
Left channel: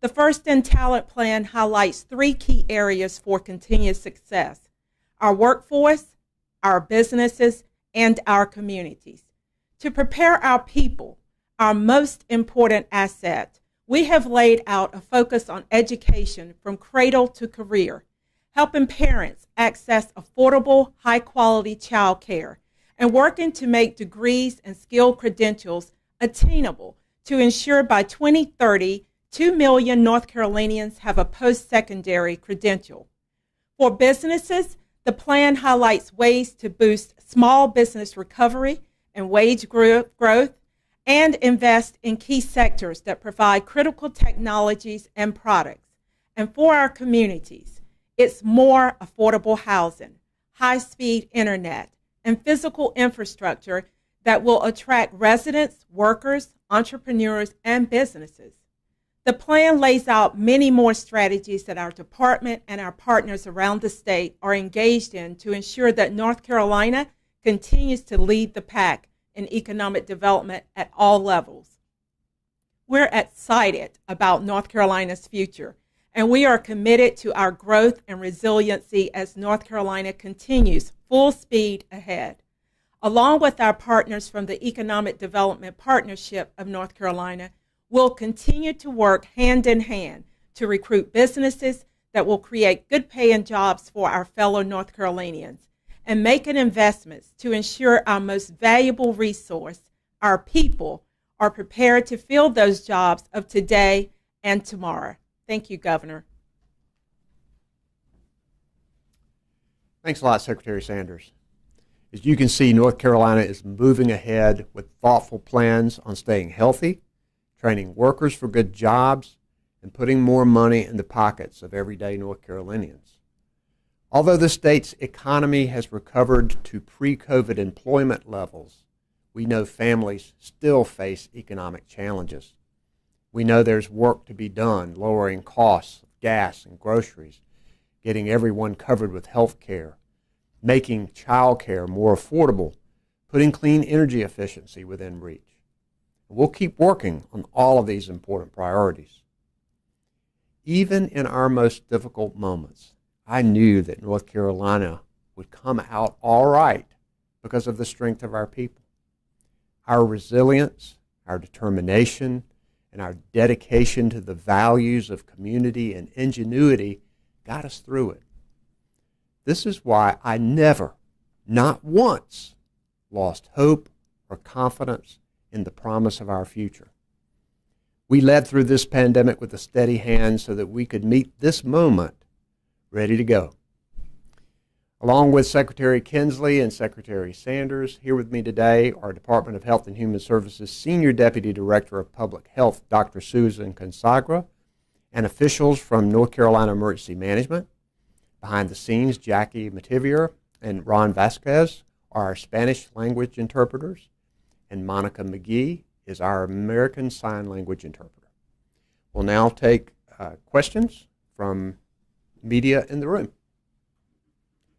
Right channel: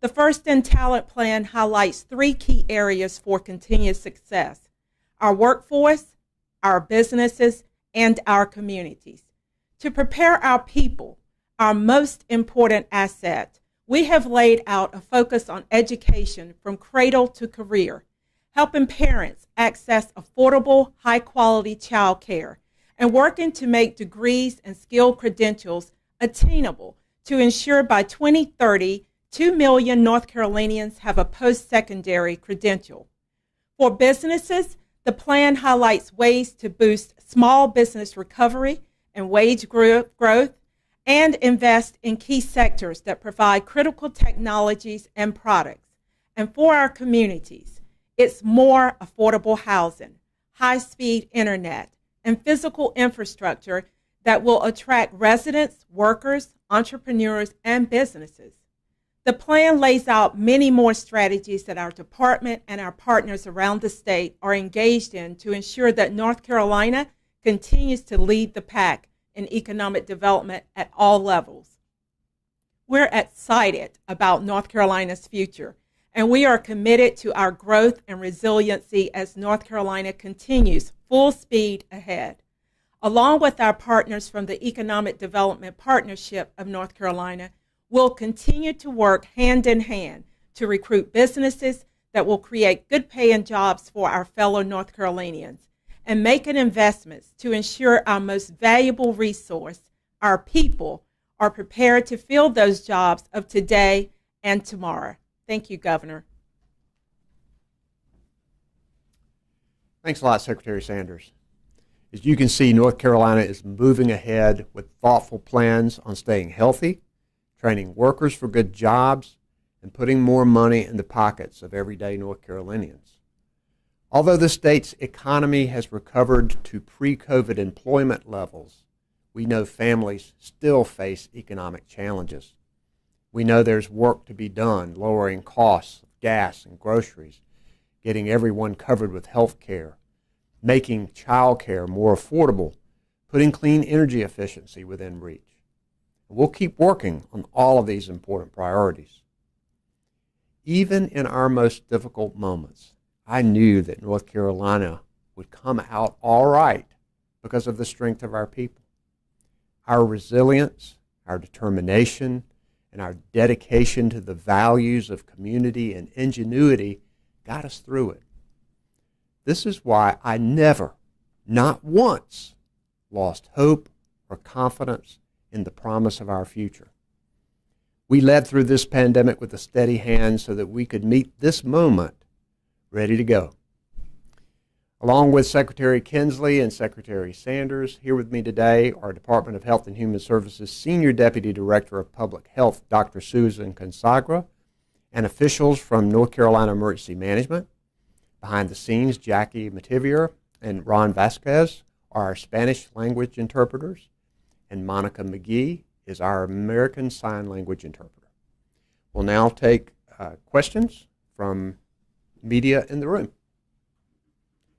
The First in Talent Plan highlights 3 key areas for continued success: our workforce, our businesses, and our communities. To prepare our people, our most important asset, we have laid out a focus on education from cradle to career, helping parents access affordable, high-quality child care, and working to make degrees and skill credentials attainable to ensure by 2030, 2 million North Carolinians have a post-secondary credential. For businesses, the plan highlights ways to boost small business recovery and wage growth, and invest in key sectors that provide critical technologies and products. And for our communities, it's more affordable housing, high-speed internet, and physical infrastructure that will attract residents, workers, entrepreneurs, and businesses. The plan lays out many more strategies that our department and our partners around the state are engaged in to ensure that North Carolina continues to lead the pack in economic development at all levels. We're excited about North Carolina's future, and we are committed to our growth and resiliency as North Carolina continues full speed ahead. Along with our partners from the Economic Development Partnership of North Carolina, we'll continue to work hand in hand to recruit businesses that will create good paying jobs for our fellow North Carolinians, and making investments to ensure our most valuable resource, our people, are prepared to fill those jobs of today and tomorrow. Thank you, Governor. Thanks a lot, Secretary Sanders. As you can see, North Carolina is moving ahead with thoughtful plans on staying healthy, training workers for good jobs, and putting more money in the pockets of everyday North Carolinians. Although the state's economy has recovered to pre-COVID employment levels, we know families still face economic challenges. We know there's work to be done lowering costs of gas and groceries, getting everyone covered with health care, making child care more affordable, putting clean energy efficiency within reach. We'll keep working on all of these important priorities. Even in our most difficult moments, I knew that North Carolina would come out all right because of the strength of our people. Our resilience, our determination, and our dedication to the values of community and ingenuity got us through it. This is why I never, not once, lost hope or confidence in the promise of our future. We led through this pandemic with a steady hand so that we could meet this moment ready to go. Along with Secretary Kinsley and Secretary Sanders, here with me today are Department of Health and Human Services Senior Deputy Director of Public Health, Dr. Susan Consagra, and officials from North Carolina Emergency Management. Behind the scenes, Jackie Mativier and Ron Vasquez are our Spanish language interpreters, and Monica McGee is our American Sign Language interpreter. We'll now take questions from media in the room.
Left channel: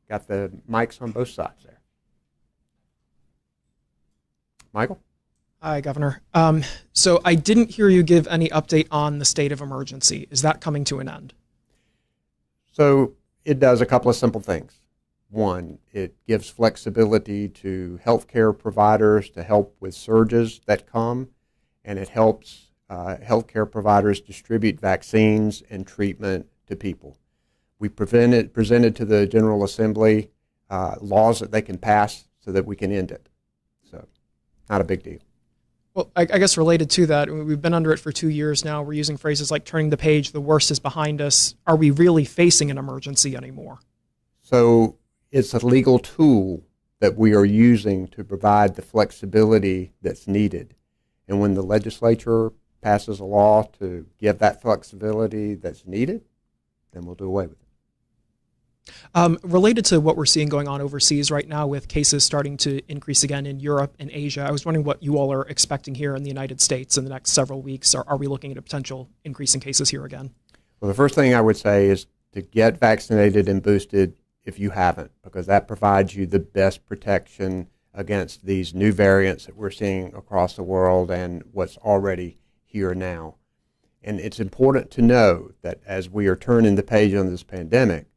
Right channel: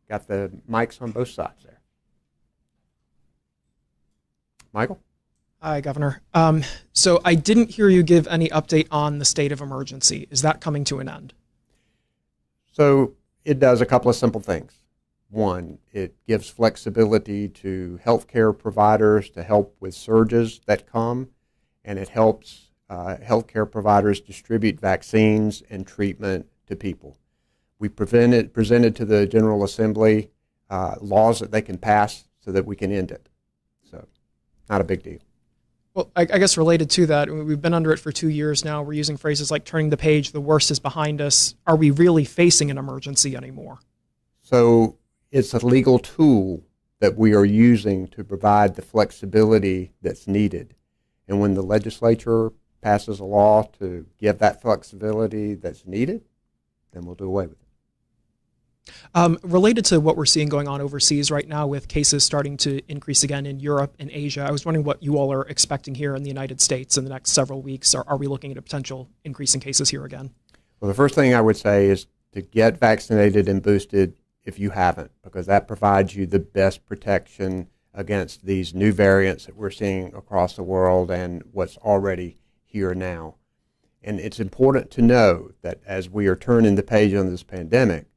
Got the mics on both sides there. Michael? Hi, Governor. So I didn't hear you give any update on the state of emergency. Is that coming to an end? So it does a couple of simple things. One, it gives flexibility to healthcare providers to help with surges that come, and it helps healthcare providers distribute vaccines and treatment to people. We presented to the General Assembly laws that they can pass so that we can end it. So, not a big deal. Well, I guess related to that, we've been under it for 2 years now. We're using phrases like turning the page, the worst is behind us. Are we really facing an emergency anymore? So, it's a legal tool that we are using to provide the flexibility that's needed. And when the legislature passes a law to give that flexibility that's needed, then we'll do away with it. Related to what we're seeing going on overseas right now with cases starting to increase again in Europe and Asia, I was wondering what you all are expecting here in the United States in the next several weeks. Are we looking at a potential increase in cases here again? Well, the first thing I would say is to get vaccinated and boosted if you haven't, because that provides you the best protection against these new variants that we're seeing across the world and what's already here now. And it's important to know that as we are turning the page on this pandemic,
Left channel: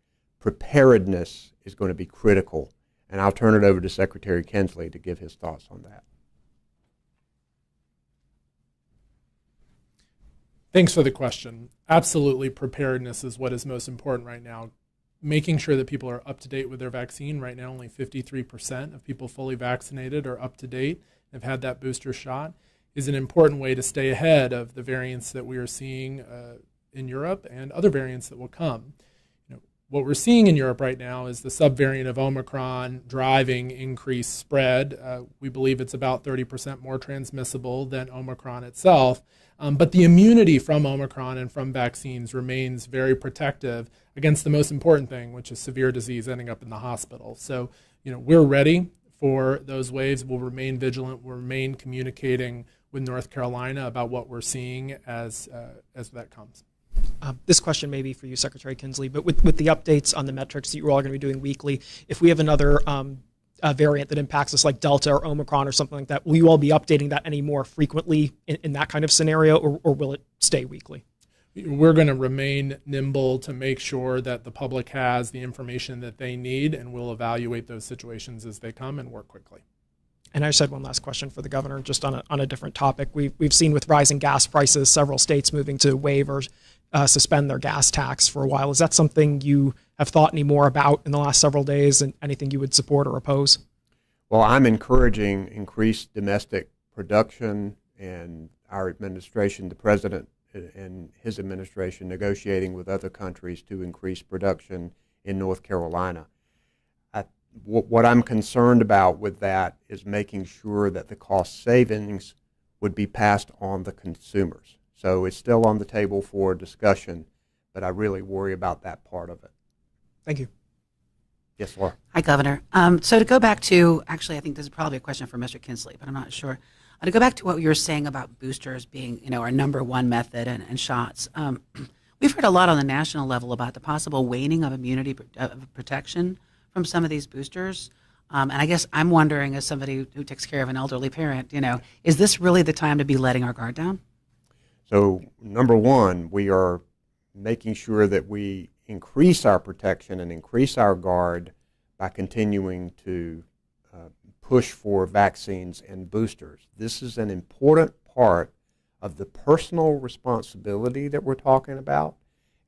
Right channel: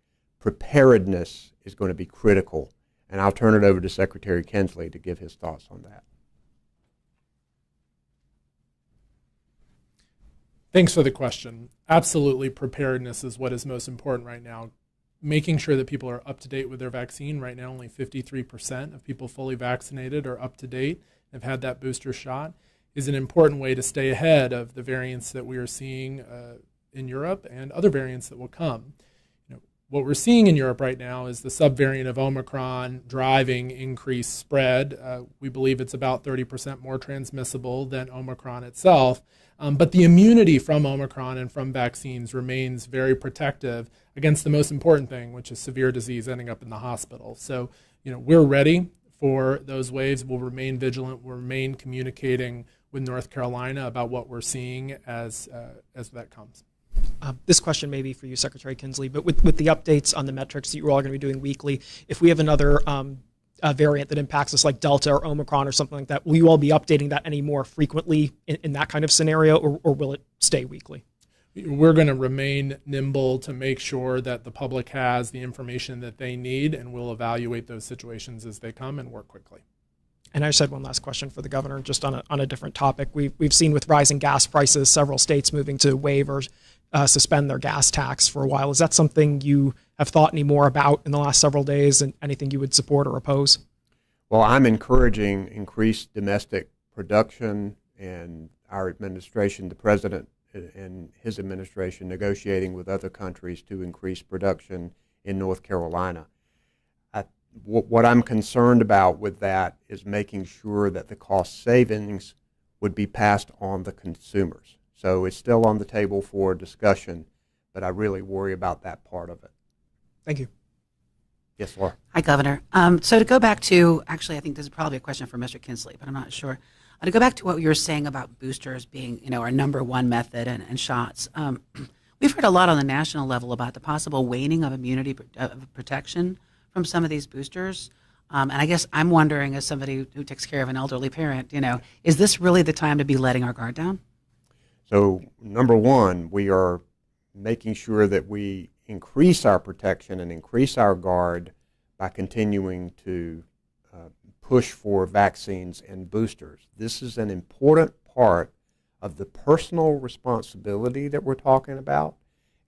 preparedness is going to be critical. And I'll turn it over to Secretary Kinsley to give his thoughts on that. Thanks for the question. Absolutely, preparedness is what is most important right now. Making sure that people are up to date with their vaccine. Right now, only 53% of people fully vaccinated are up to date, have had that booster shot, is an important way to stay ahead of the variants that we are seeing in Europe and other variants that will come. What we're seeing in Europe right now is the subvariant of Omicron driving increased spread. We believe it's about 30% more transmissible than Omicron itself. But the immunity from Omicron and from vaccines remains very protective against the most important thing, which is severe disease ending up in the hospital. So, we're ready for those waves. We'll remain vigilant. We'll remain communicating with North Carolina about what we're seeing as that comes. This question may be for you, Secretary Kinsley, but with the updates on the metrics that you're all going to be doing weekly, if we have another variant that impacts us like Delta or Omicron or something like that, will you all be updating that any more frequently in that kind of scenario, or will it stay weekly? We're going to remain nimble to make sure that the public has the information that they need, and we'll evaluate those situations as they come and work quickly. And I just had one last question for the governor, just on a different topic. We've seen with rising gas prices, several states moving to waive or suspend their gas tax for a while. Is that something you have thought any more about in the last several days, and anything you would support or oppose? Well, I'm encouraging increased domestic production, and our administration, the president and his administration, negotiating with other countries to increase production in North Carolina. What I'm concerned about with that is making sure that the cost savings would be passed on the consumers. So it's still on the table for discussion, but I really worry about that part of it. Thank you. Yes, Laura. Hi, Governor. So to go back to, actually, I think this is probably a question for Mr. Kinsley, but I'm not sure. To go back to what you were saying about boosters being, our number one method and shots. We've heard a lot on the national level about the possible waning of immunity protection from some of these boosters. And I guess I'm wondering, as somebody who takes care of an elderly parent, is this really the time to be letting our guard down? So, number one, we are making sure that we increase our protection and increase our guard by continuing to push for vaccines and boosters. This is an important part of the personal responsibility that we're talking about,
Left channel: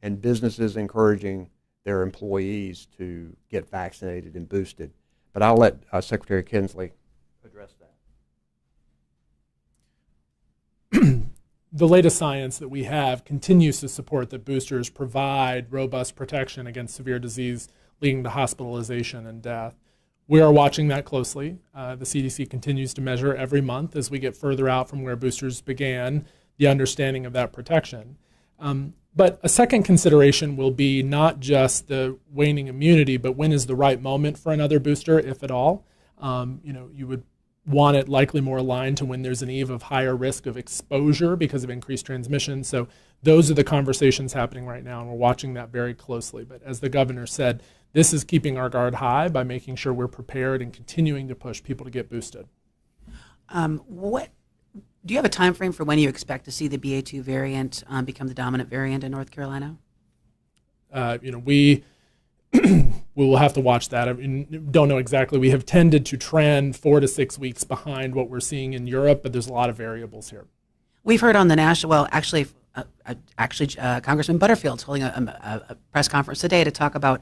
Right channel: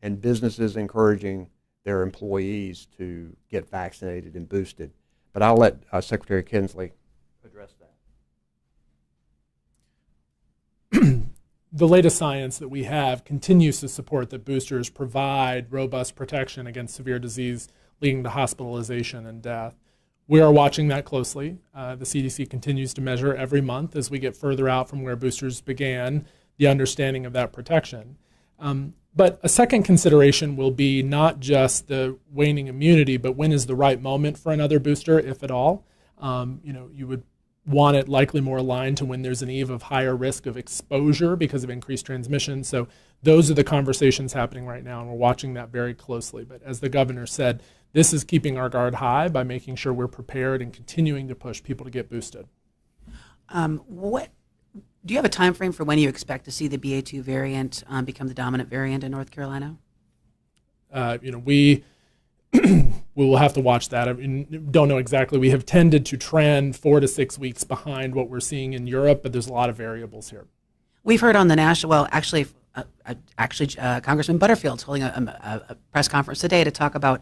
and businesses encouraging their employees to get vaccinated and boosted. But I'll let Secretary Kinsley address that. the latest science that we have continues to support that boosters provide robust protection against severe disease leading to hospitalization and death. We are watching that closely. The CDC continues to measure every month as we get further out from where boosters began, the understanding of that protection. But a second consideration will be not just the waning immunity, but when is the right moment for another booster, if at all. You would want it likely more aligned to when there's an eve of higher risk of exposure because of increased transmission. So those are the conversations happening right now, and we're watching that very closely. But as the governor said, this is keeping our guard high by making sure we're prepared and continuing to push people to get boosted. Do you have a time frame for when you expect to see the BA2 variant become the dominant variant in North Carolina? We will have to watch that. I mean, don't know exactly. We have tended to trend 4 to 6 weeks behind what we're seeing in Europe, but there's a lot of variables here. We've heard on the national, well, actually, Congressman Butterfield's holding a press conference today to talk about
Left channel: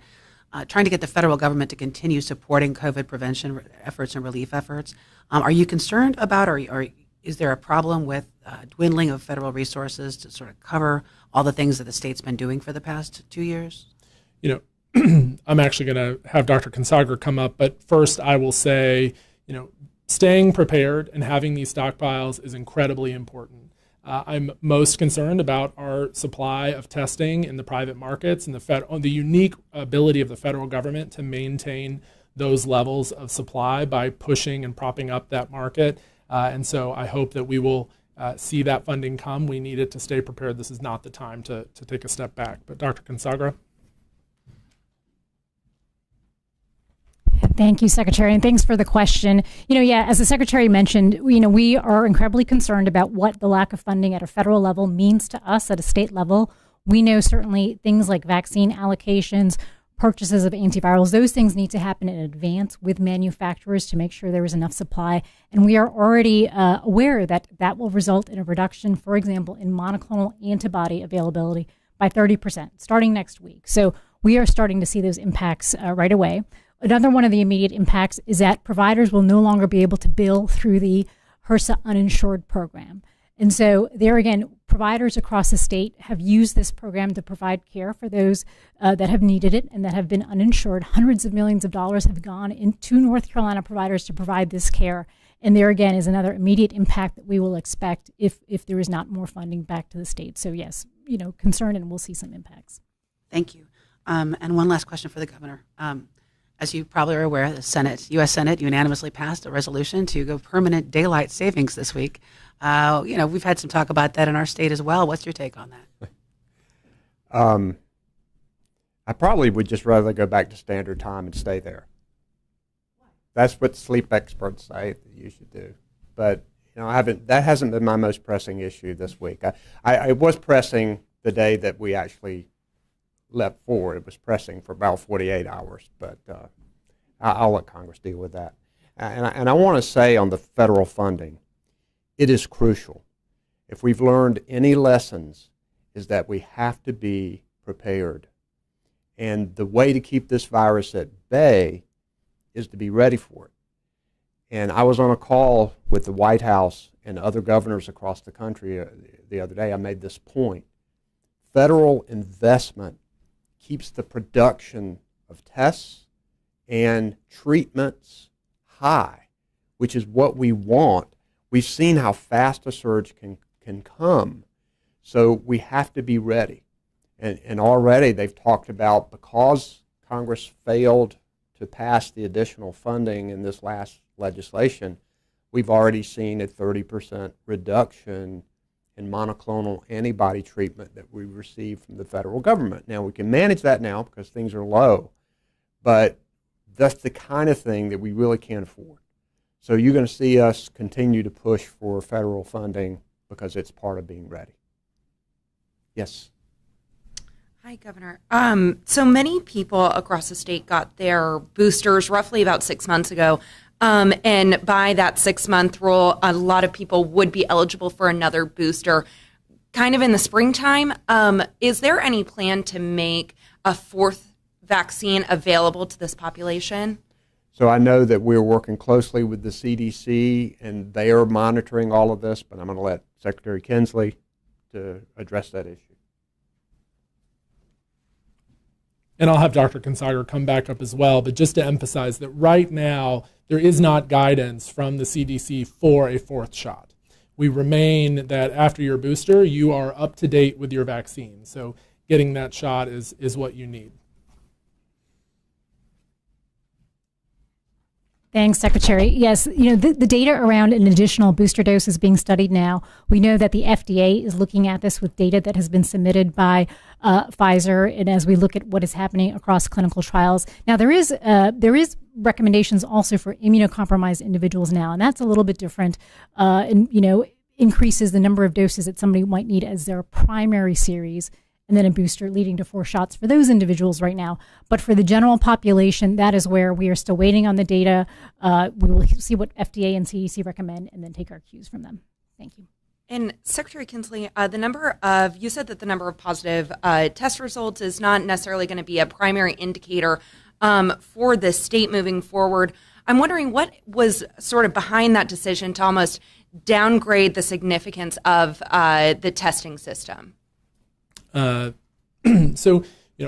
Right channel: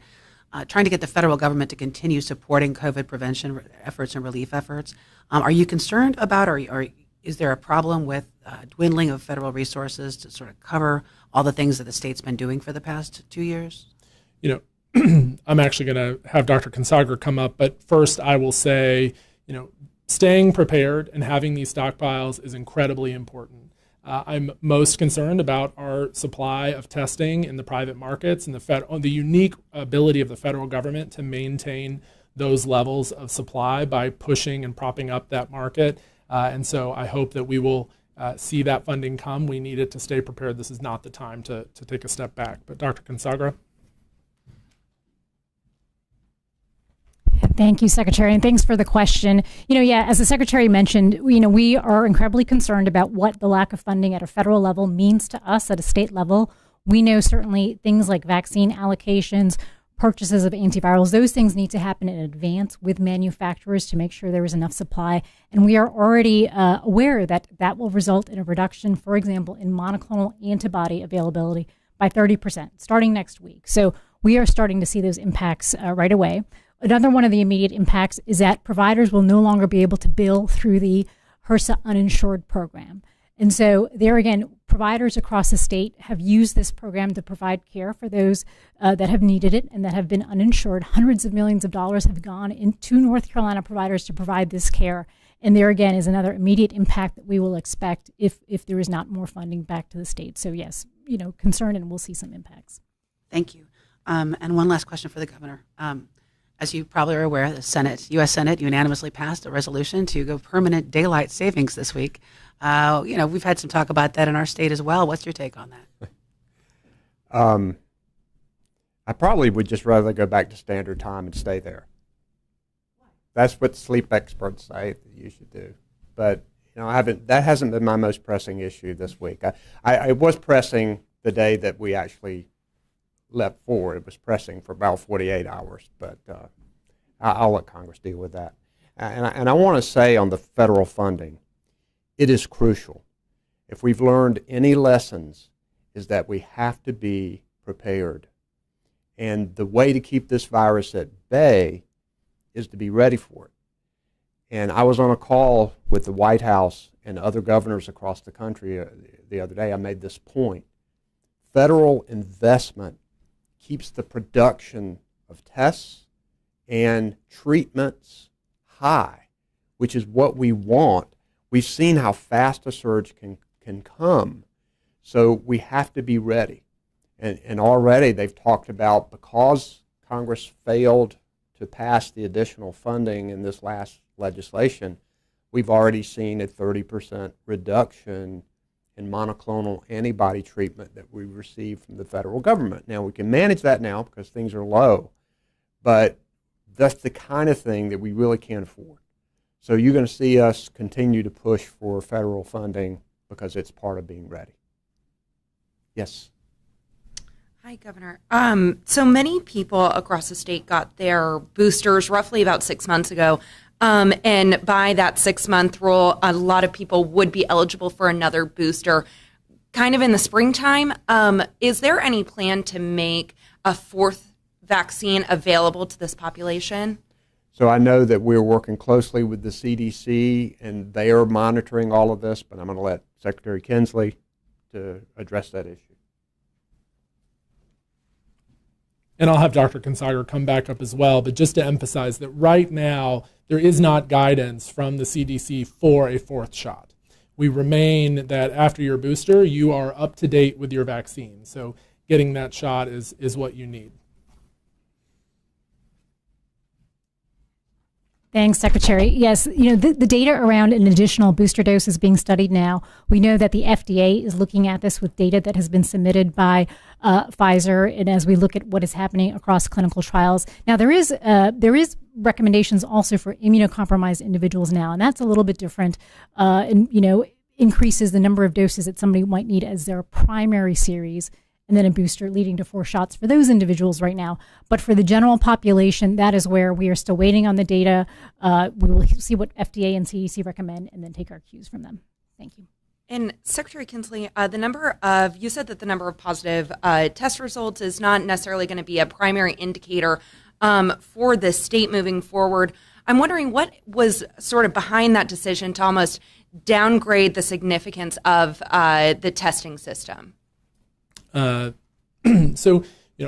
trying to get the federal government to continue supporting COVID prevention efforts and relief efforts. Are you concerned about, or is there a problem with dwindling of federal resources to sort of cover all the things that the state's been doing for the past 2 years? I'm actually going to have Dr. Consagra come up, but first I will say, staying prepared and having these stockpiles is incredibly important. I'm most concerned about our supply of testing in the private markets and the unique ability of the federal government to maintain those levels of supply by pushing and propping up that market. And so I hope that we will see that funding come. We need it to stay prepared. This is not the time to take a step back. But Dr. Consagra? Thank you, Secretary, and thanks for the question. As the Secretary mentioned, we are incredibly concerned about what the lack of funding at a federal level means to us at a state level. We know certainly things like vaccine allocations, purchases of antivirals, those things need to happen in advance with manufacturers to make sure there is enough supply. And we are already aware that that will result in a reduction, for example, in monoclonal antibody availability by 30% starting next week. So we are starting to see those impacts right away. Another one of the immediate impacts is that providers will no longer be able to bill through the HRSA uninsured program. And so there again, providers across the state have used this program to provide care for those that have needed it and that have been uninsured. Hundreds of millions of dollars have gone into North Carolina providers to provide this care. And there again is another immediate impact that we will expect if there is not more funding back to the state. So yes, concerned, and we'll see some impacts. Thank you. And one last question for the governor. As you probably are aware, the U.S. Senate unanimously passed a resolution to go permanent daylight savings this week. We've had some talk about that in our state as well. What's your take on that? I probably would just rather go back to standard time and stay there. That's what sleep experts say that you should do. But that hasn't been my most pressing issue this week. I was pressing the day that we actually left forward. It was pressing for about 48 hours, but I'll let Congress deal with that. And I want to say on the federal funding, it is crucial. If we've learned any lessons, is that we have to be prepared. And the way to keep this virus at bay is to be ready for it. And I was on a call with the White House and other governors across the country the other day. I made this point. Federal investment keeps the production of tests and treatments high, which is what we want. We've seen how fast a surge can come, so we have to be ready. And already they've talked about, because Congress failed to pass the additional funding in this last legislation, we've already seen a 30% reduction in monoclonal antibody treatment that we received from the federal government. Now, we can manage that now because things are low, but that's the kind of thing that we really can't afford. So you're going to see us continue to push for federal funding because it's part of being ready. Yes. Hi, Governor. So many people across the state got their boosters roughly about 6 months ago. And by that 6-month rule, a lot of people would be eligible for another booster kind of in the springtime. Is there any plan to make a fourth vaccine available to this population? So I know that we're working closely with the CDC and they are monitoring all of this, but I'm going to let Secretary Kinsley to address that issue. And I'll have Dr. Kinsley come back up as well, but just to emphasize that right now, there is not guidance from the CDC for a fourth shot. We remain that after your booster, you are up to date with your vaccine. So getting that shot is what you need. Thanks, Secretary. Yes, the data around an additional booster dose is being studied now. We know that the FDA is looking at this with data that has been submitted by Pfizer, and as we look at what is happening across clinical trials. Now, there is recommendations also for immunocompromised individuals now, and that's a little bit different, and increases the number of doses that somebody might need as their primary series, and then a booster leading to 4 shots for those individuals right now. But for the general population, that is where we are still waiting on the data. We will see what FDA and CDC recommend and then take our cues from them. Thank you. And Secretary Kinsley, you said that the number of positive test results is not necessarily going to be a primary indicator for the state moving forward. I'm wondering what was sort of behind that decision to almost downgrade the significance of the testing system. So,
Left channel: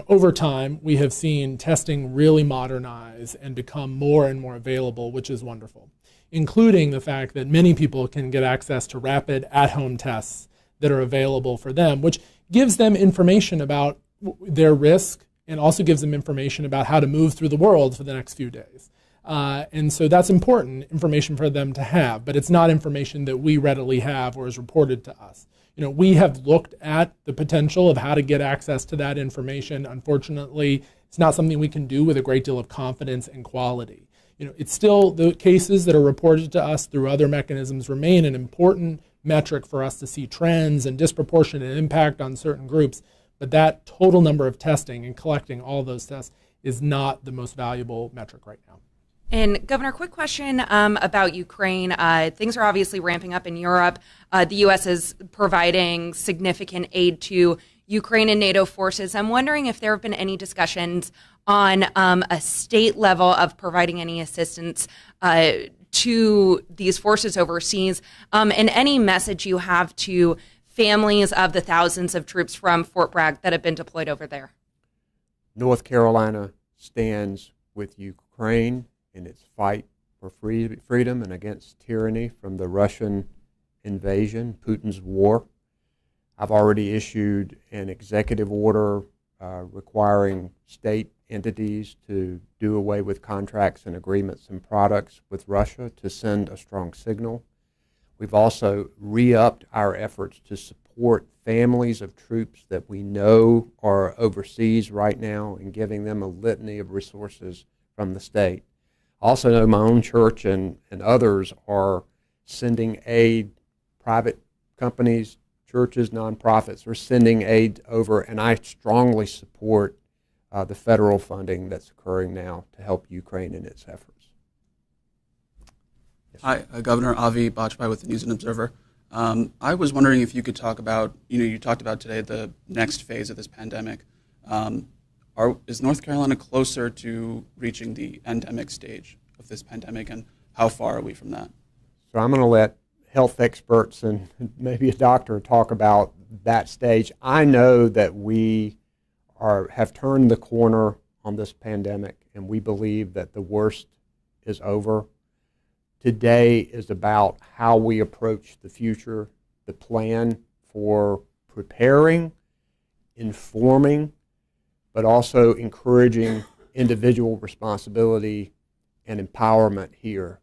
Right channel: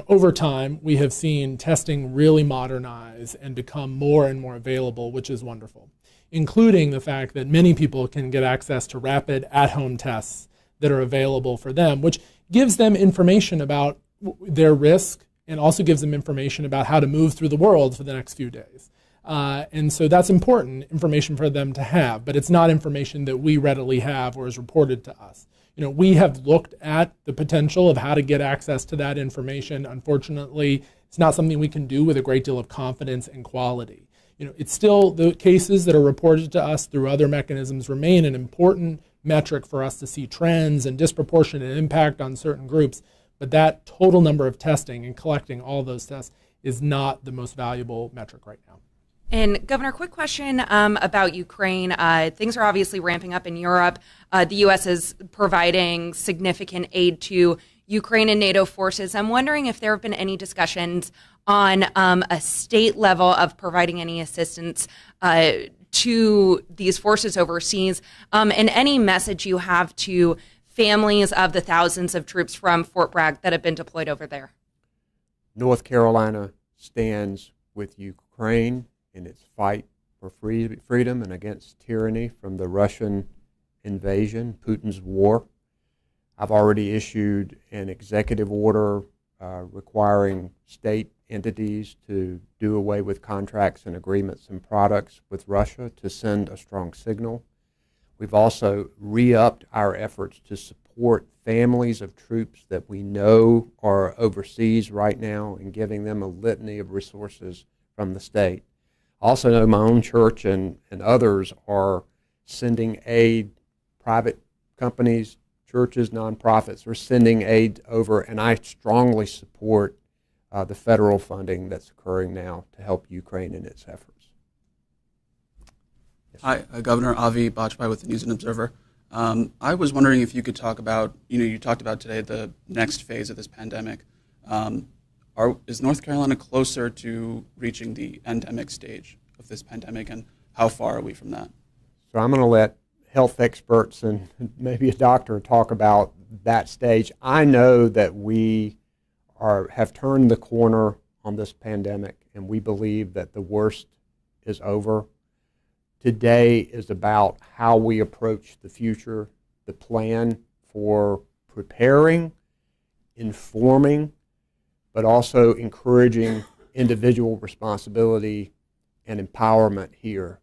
over time, we have seen testing really modernize and become more and more available, which is wonderful, including the fact that many people can get access to rapid at-home tests that are available for them, which gives them information about their risk and also gives them information about how to move through the world for the next few days. And so that's important information for them to have, but it's not information that we readily have or is reported to us. We have looked at the potential of how to get access to that information. Unfortunately, it's not something we can do with a great deal of confidence and quality. It's still the cases that are reported to us through other mechanisms remain an important metric for us to see trends and disproportionate impact on certain groups. But that total number of testing and collecting all those tests is not the most valuable metric right now. And Governor, quick question about Ukraine. Things are obviously ramping up in Europe. The U.S. is providing significant aid to Ukraine and NATO forces. I'm wondering if there have been any discussions on a state level of providing any assistance to these forces overseas, and any message you have to families of the thousands of troops from Fort Bragg that have been deployed over there. North Carolina stands with Ukraine in its fight for freedom and against tyranny from the Russian invasion, Putin's war. I've already issued an executive order requiring state entities to do away with contracts and agreements and products with Russia to send a strong signal. We've also re-upped our efforts to support families of troops that we know are overseas right now and giving them a litany of resources from the state. Also know my own church and others are sending aid. Private companies, churches, nonprofits are sending aid over, and I strongly support the federal funding that's occurring now to help Ukraine in its efforts. Yes. Hi, Governor Avi Bajpai with the News and Observer. I was wondering if you could talk about, you talked about today the next phase of this pandemic. Is North Carolina closer to reaching the endemic stage of this pandemic, and how far are we from that? So I'm going to let health experts and maybe a doctor talk about that stage. I know that we have turned the corner on this pandemic, and we believe that the worst is over. Today is about how we approach the future, the plan for preparing, informing, but also encouraging individual responsibility and empowerment here.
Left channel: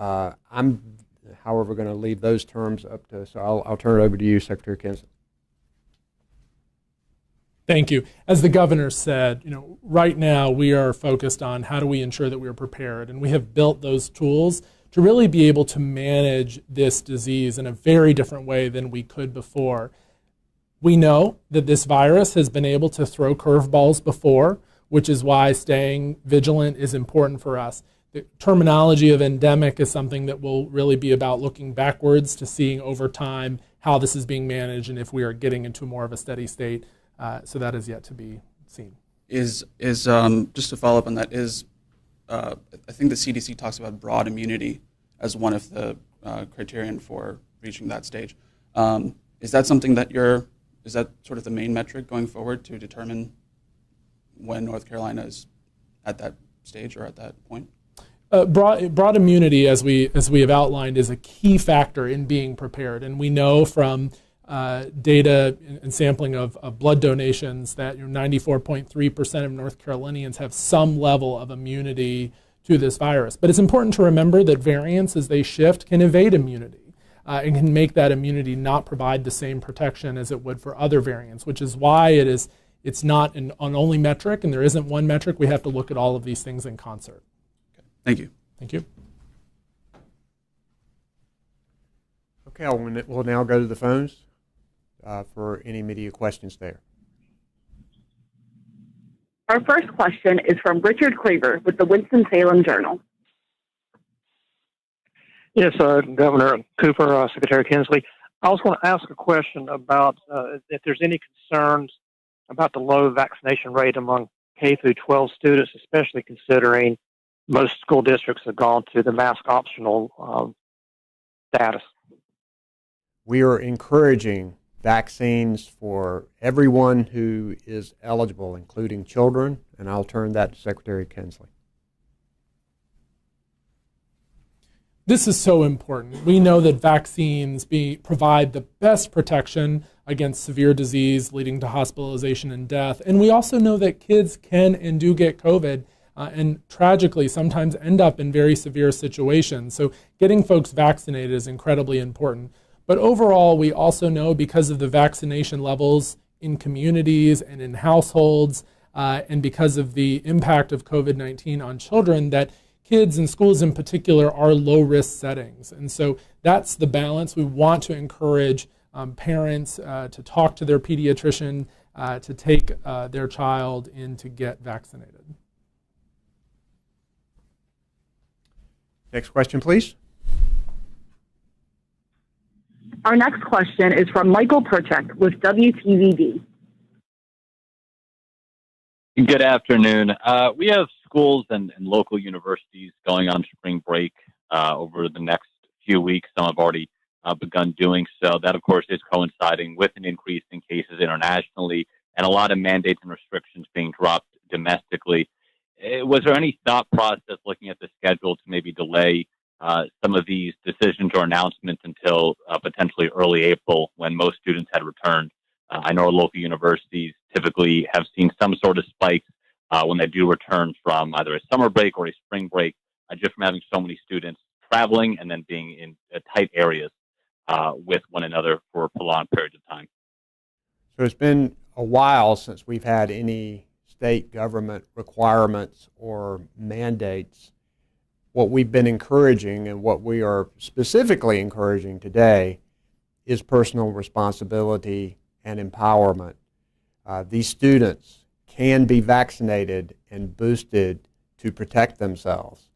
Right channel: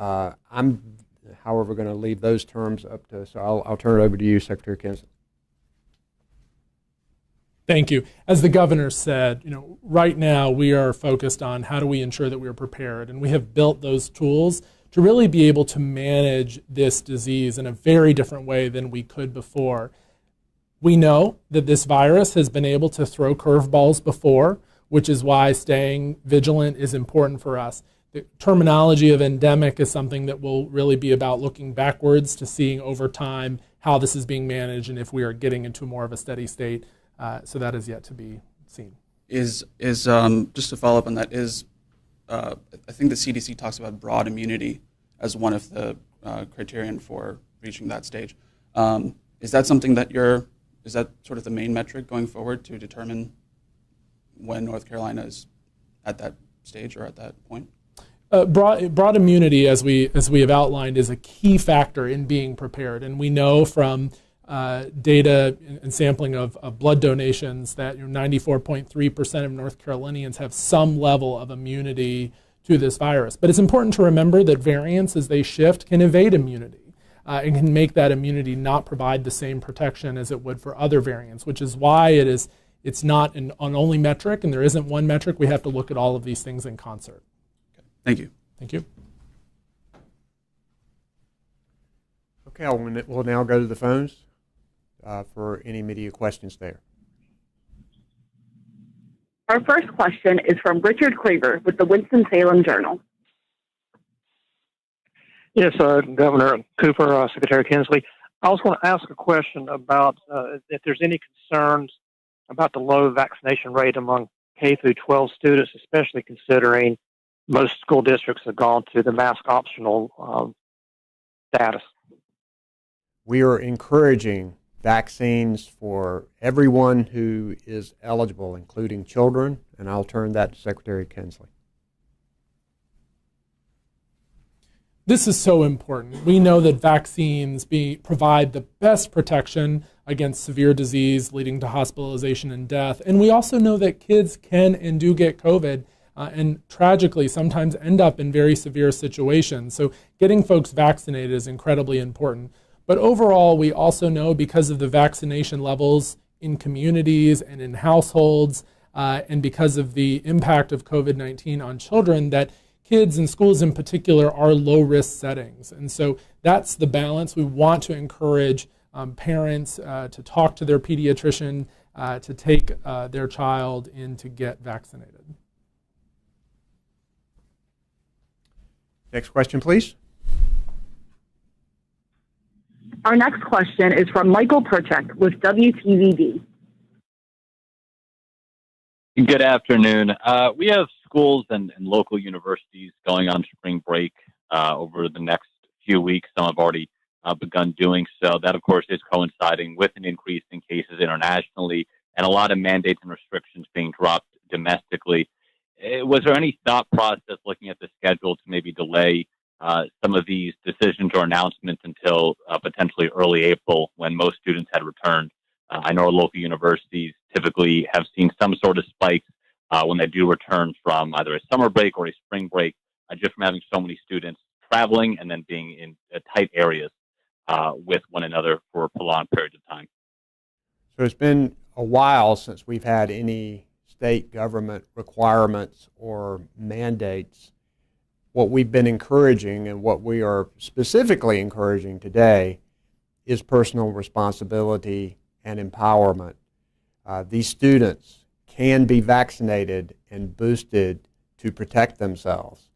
I'm, however, going to leave those terms up to, so I'll turn it over to you, Secretary Kinsley. Thank you. As the governor said, right now we are focused on how do we ensure that we are prepared, and we have built those tools to really be able to manage this disease in a very different way than we could before. We know that this virus has been able to throw curveballs before, which is why staying vigilant is important for us. The terminology of endemic is something that will really be about looking backwards to seeing over time how this is being managed and if we are getting into more of a steady state. So that is yet to be seen. Is just to follow up on that, I think the CDC talks about broad immunity as one of the criterion for reaching that stage. Is that something that is that sort of the main metric going forward to determine when North Carolina is at that stage or at that point? Broad immunity, as we have outlined, is a key factor in being prepared. And we know from data and sampling of blood donations that 94.3% of North Carolinians have some level of immunity to this virus. But it's important to remember that variants, as they shift, can evade immunity. And can make that immunity not provide the same protection as it would for other variants, which is why it's not an only metric, and there isn't one metric. We have to look at all of these things in concert. Okay. Thank you. Thank you. Okay, we'll now go to the phones for any media questions there. Our first question is from Richard Cleaver with the Winston-Salem Journal. Yes, Governor Cooper, Secretary Kinsley. I also want to ask a question about if there's any concerns about the low vaccination rate among K through 12 students, especially considering most school districts have gone to the mask optional status. We are encouraging vaccines for everyone who is eligible, including children, and I'll turn that to Secretary Kinsley. This is so important. We know that vaccines provide the best protection against severe disease leading to hospitalization and death. And we also know that kids can and do get COVID and tragically sometimes end up in very severe situations. So getting folks vaccinated is incredibly important. But overall, we also know because of the vaccination levels in communities and in households and because of the impact of COVID-19 on children that kids and schools in particular are low-risk settings. And so that's the balance. We want to encourage parents to talk to their pediatrician, to take their child in to get vaccinated. Next question, please. Our next question is from Michael Perchek with WTVD. Good afternoon. We have schools and local universities going on spring break over the next few weeks. Some have already begun doing so. That, of course, is coinciding with an increase in cases internationally and a lot of mandates and restrictions being dropped domestically. Was there any thought process looking at the schedule to maybe delay some of these decisions or announcements until potentially early April when most students had returned? I know our local universities typically have seen some sort of spikes when they do return from either a summer break or a spring break, just from having so many students traveling and then being in tight areas with one another for prolonged periods of time. So it's been a while since we've had any state government requirements or mandates. What we've been encouraging and what we are specifically encouraging today is personal responsibility and empowerment. These students can be vaccinated and boosted to protect themselves.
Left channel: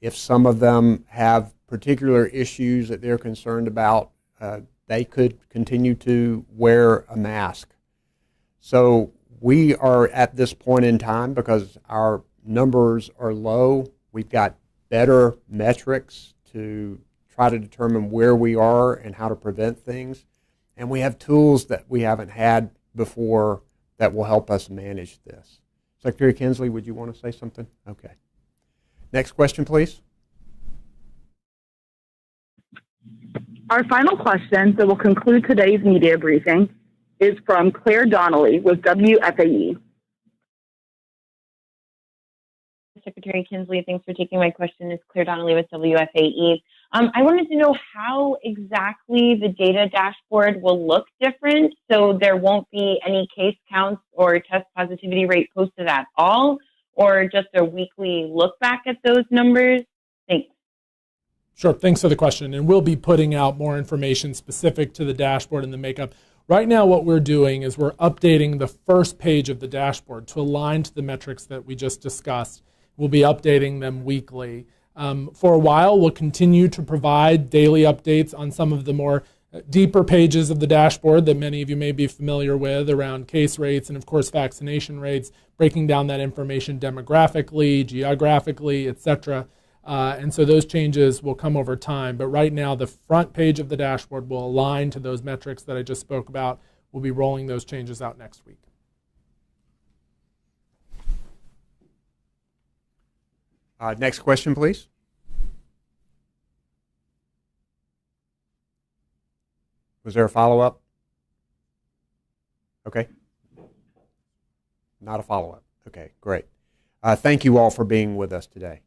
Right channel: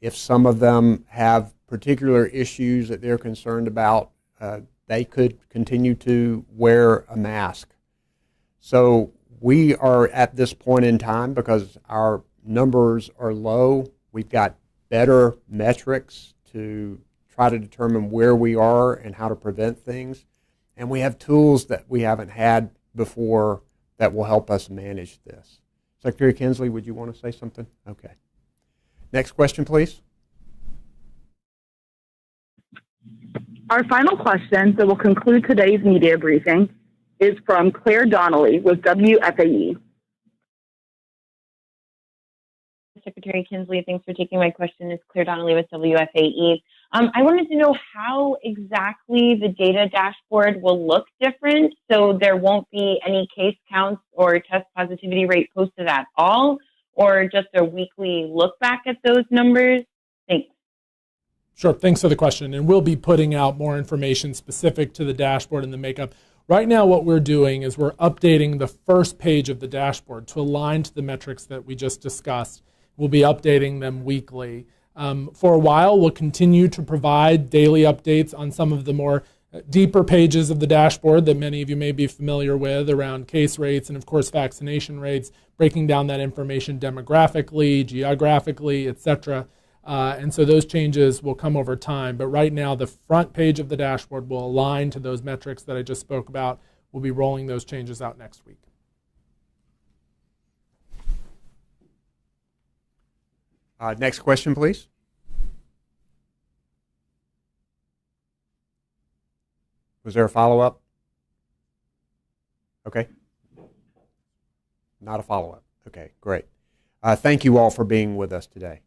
If some of them have particular issues that they're concerned about, they could continue to wear a mask. So we are at this point in time, because our numbers are low, we've got better metrics to try to determine where we are and how to prevent things. And we have tools that we haven't had before that will help us manage this. Secretary Kinsley, would you want to say something? Okay. Next question, please. Our final question that will conclude today's media briefing is from Claire Donnelly with WFAE. Secretary Kinsley, thanks for taking my question. It's Claire Donnelly with WFAE. I wanted to know how exactly the data dashboard will look different, so there won't be any case counts or test positivity rate posted at all, or just a weekly look back at those numbers. Thanks. Sure, thanks for the question. And we'll be putting out more information specific to the dashboard and the makeup. Right now, what we're doing is we're updating the first page of the dashboard to align to the metrics that we just discussed. We'll be updating them weekly. For a while, we'll continue to provide daily updates on some of the more deeper pages of the dashboard that many of you may be familiar with around case rates and, of course, vaccination rates, breaking down that information demographically, geographically, etc. And so those changes will come over time. But right now, the front page of the dashboard will align to those metrics that I just spoke about. We'll be rolling those changes out next week. Next question, please. Was there a follow-up? Okay. Not a follow-up. Okay, great. Thank you all for being with us today.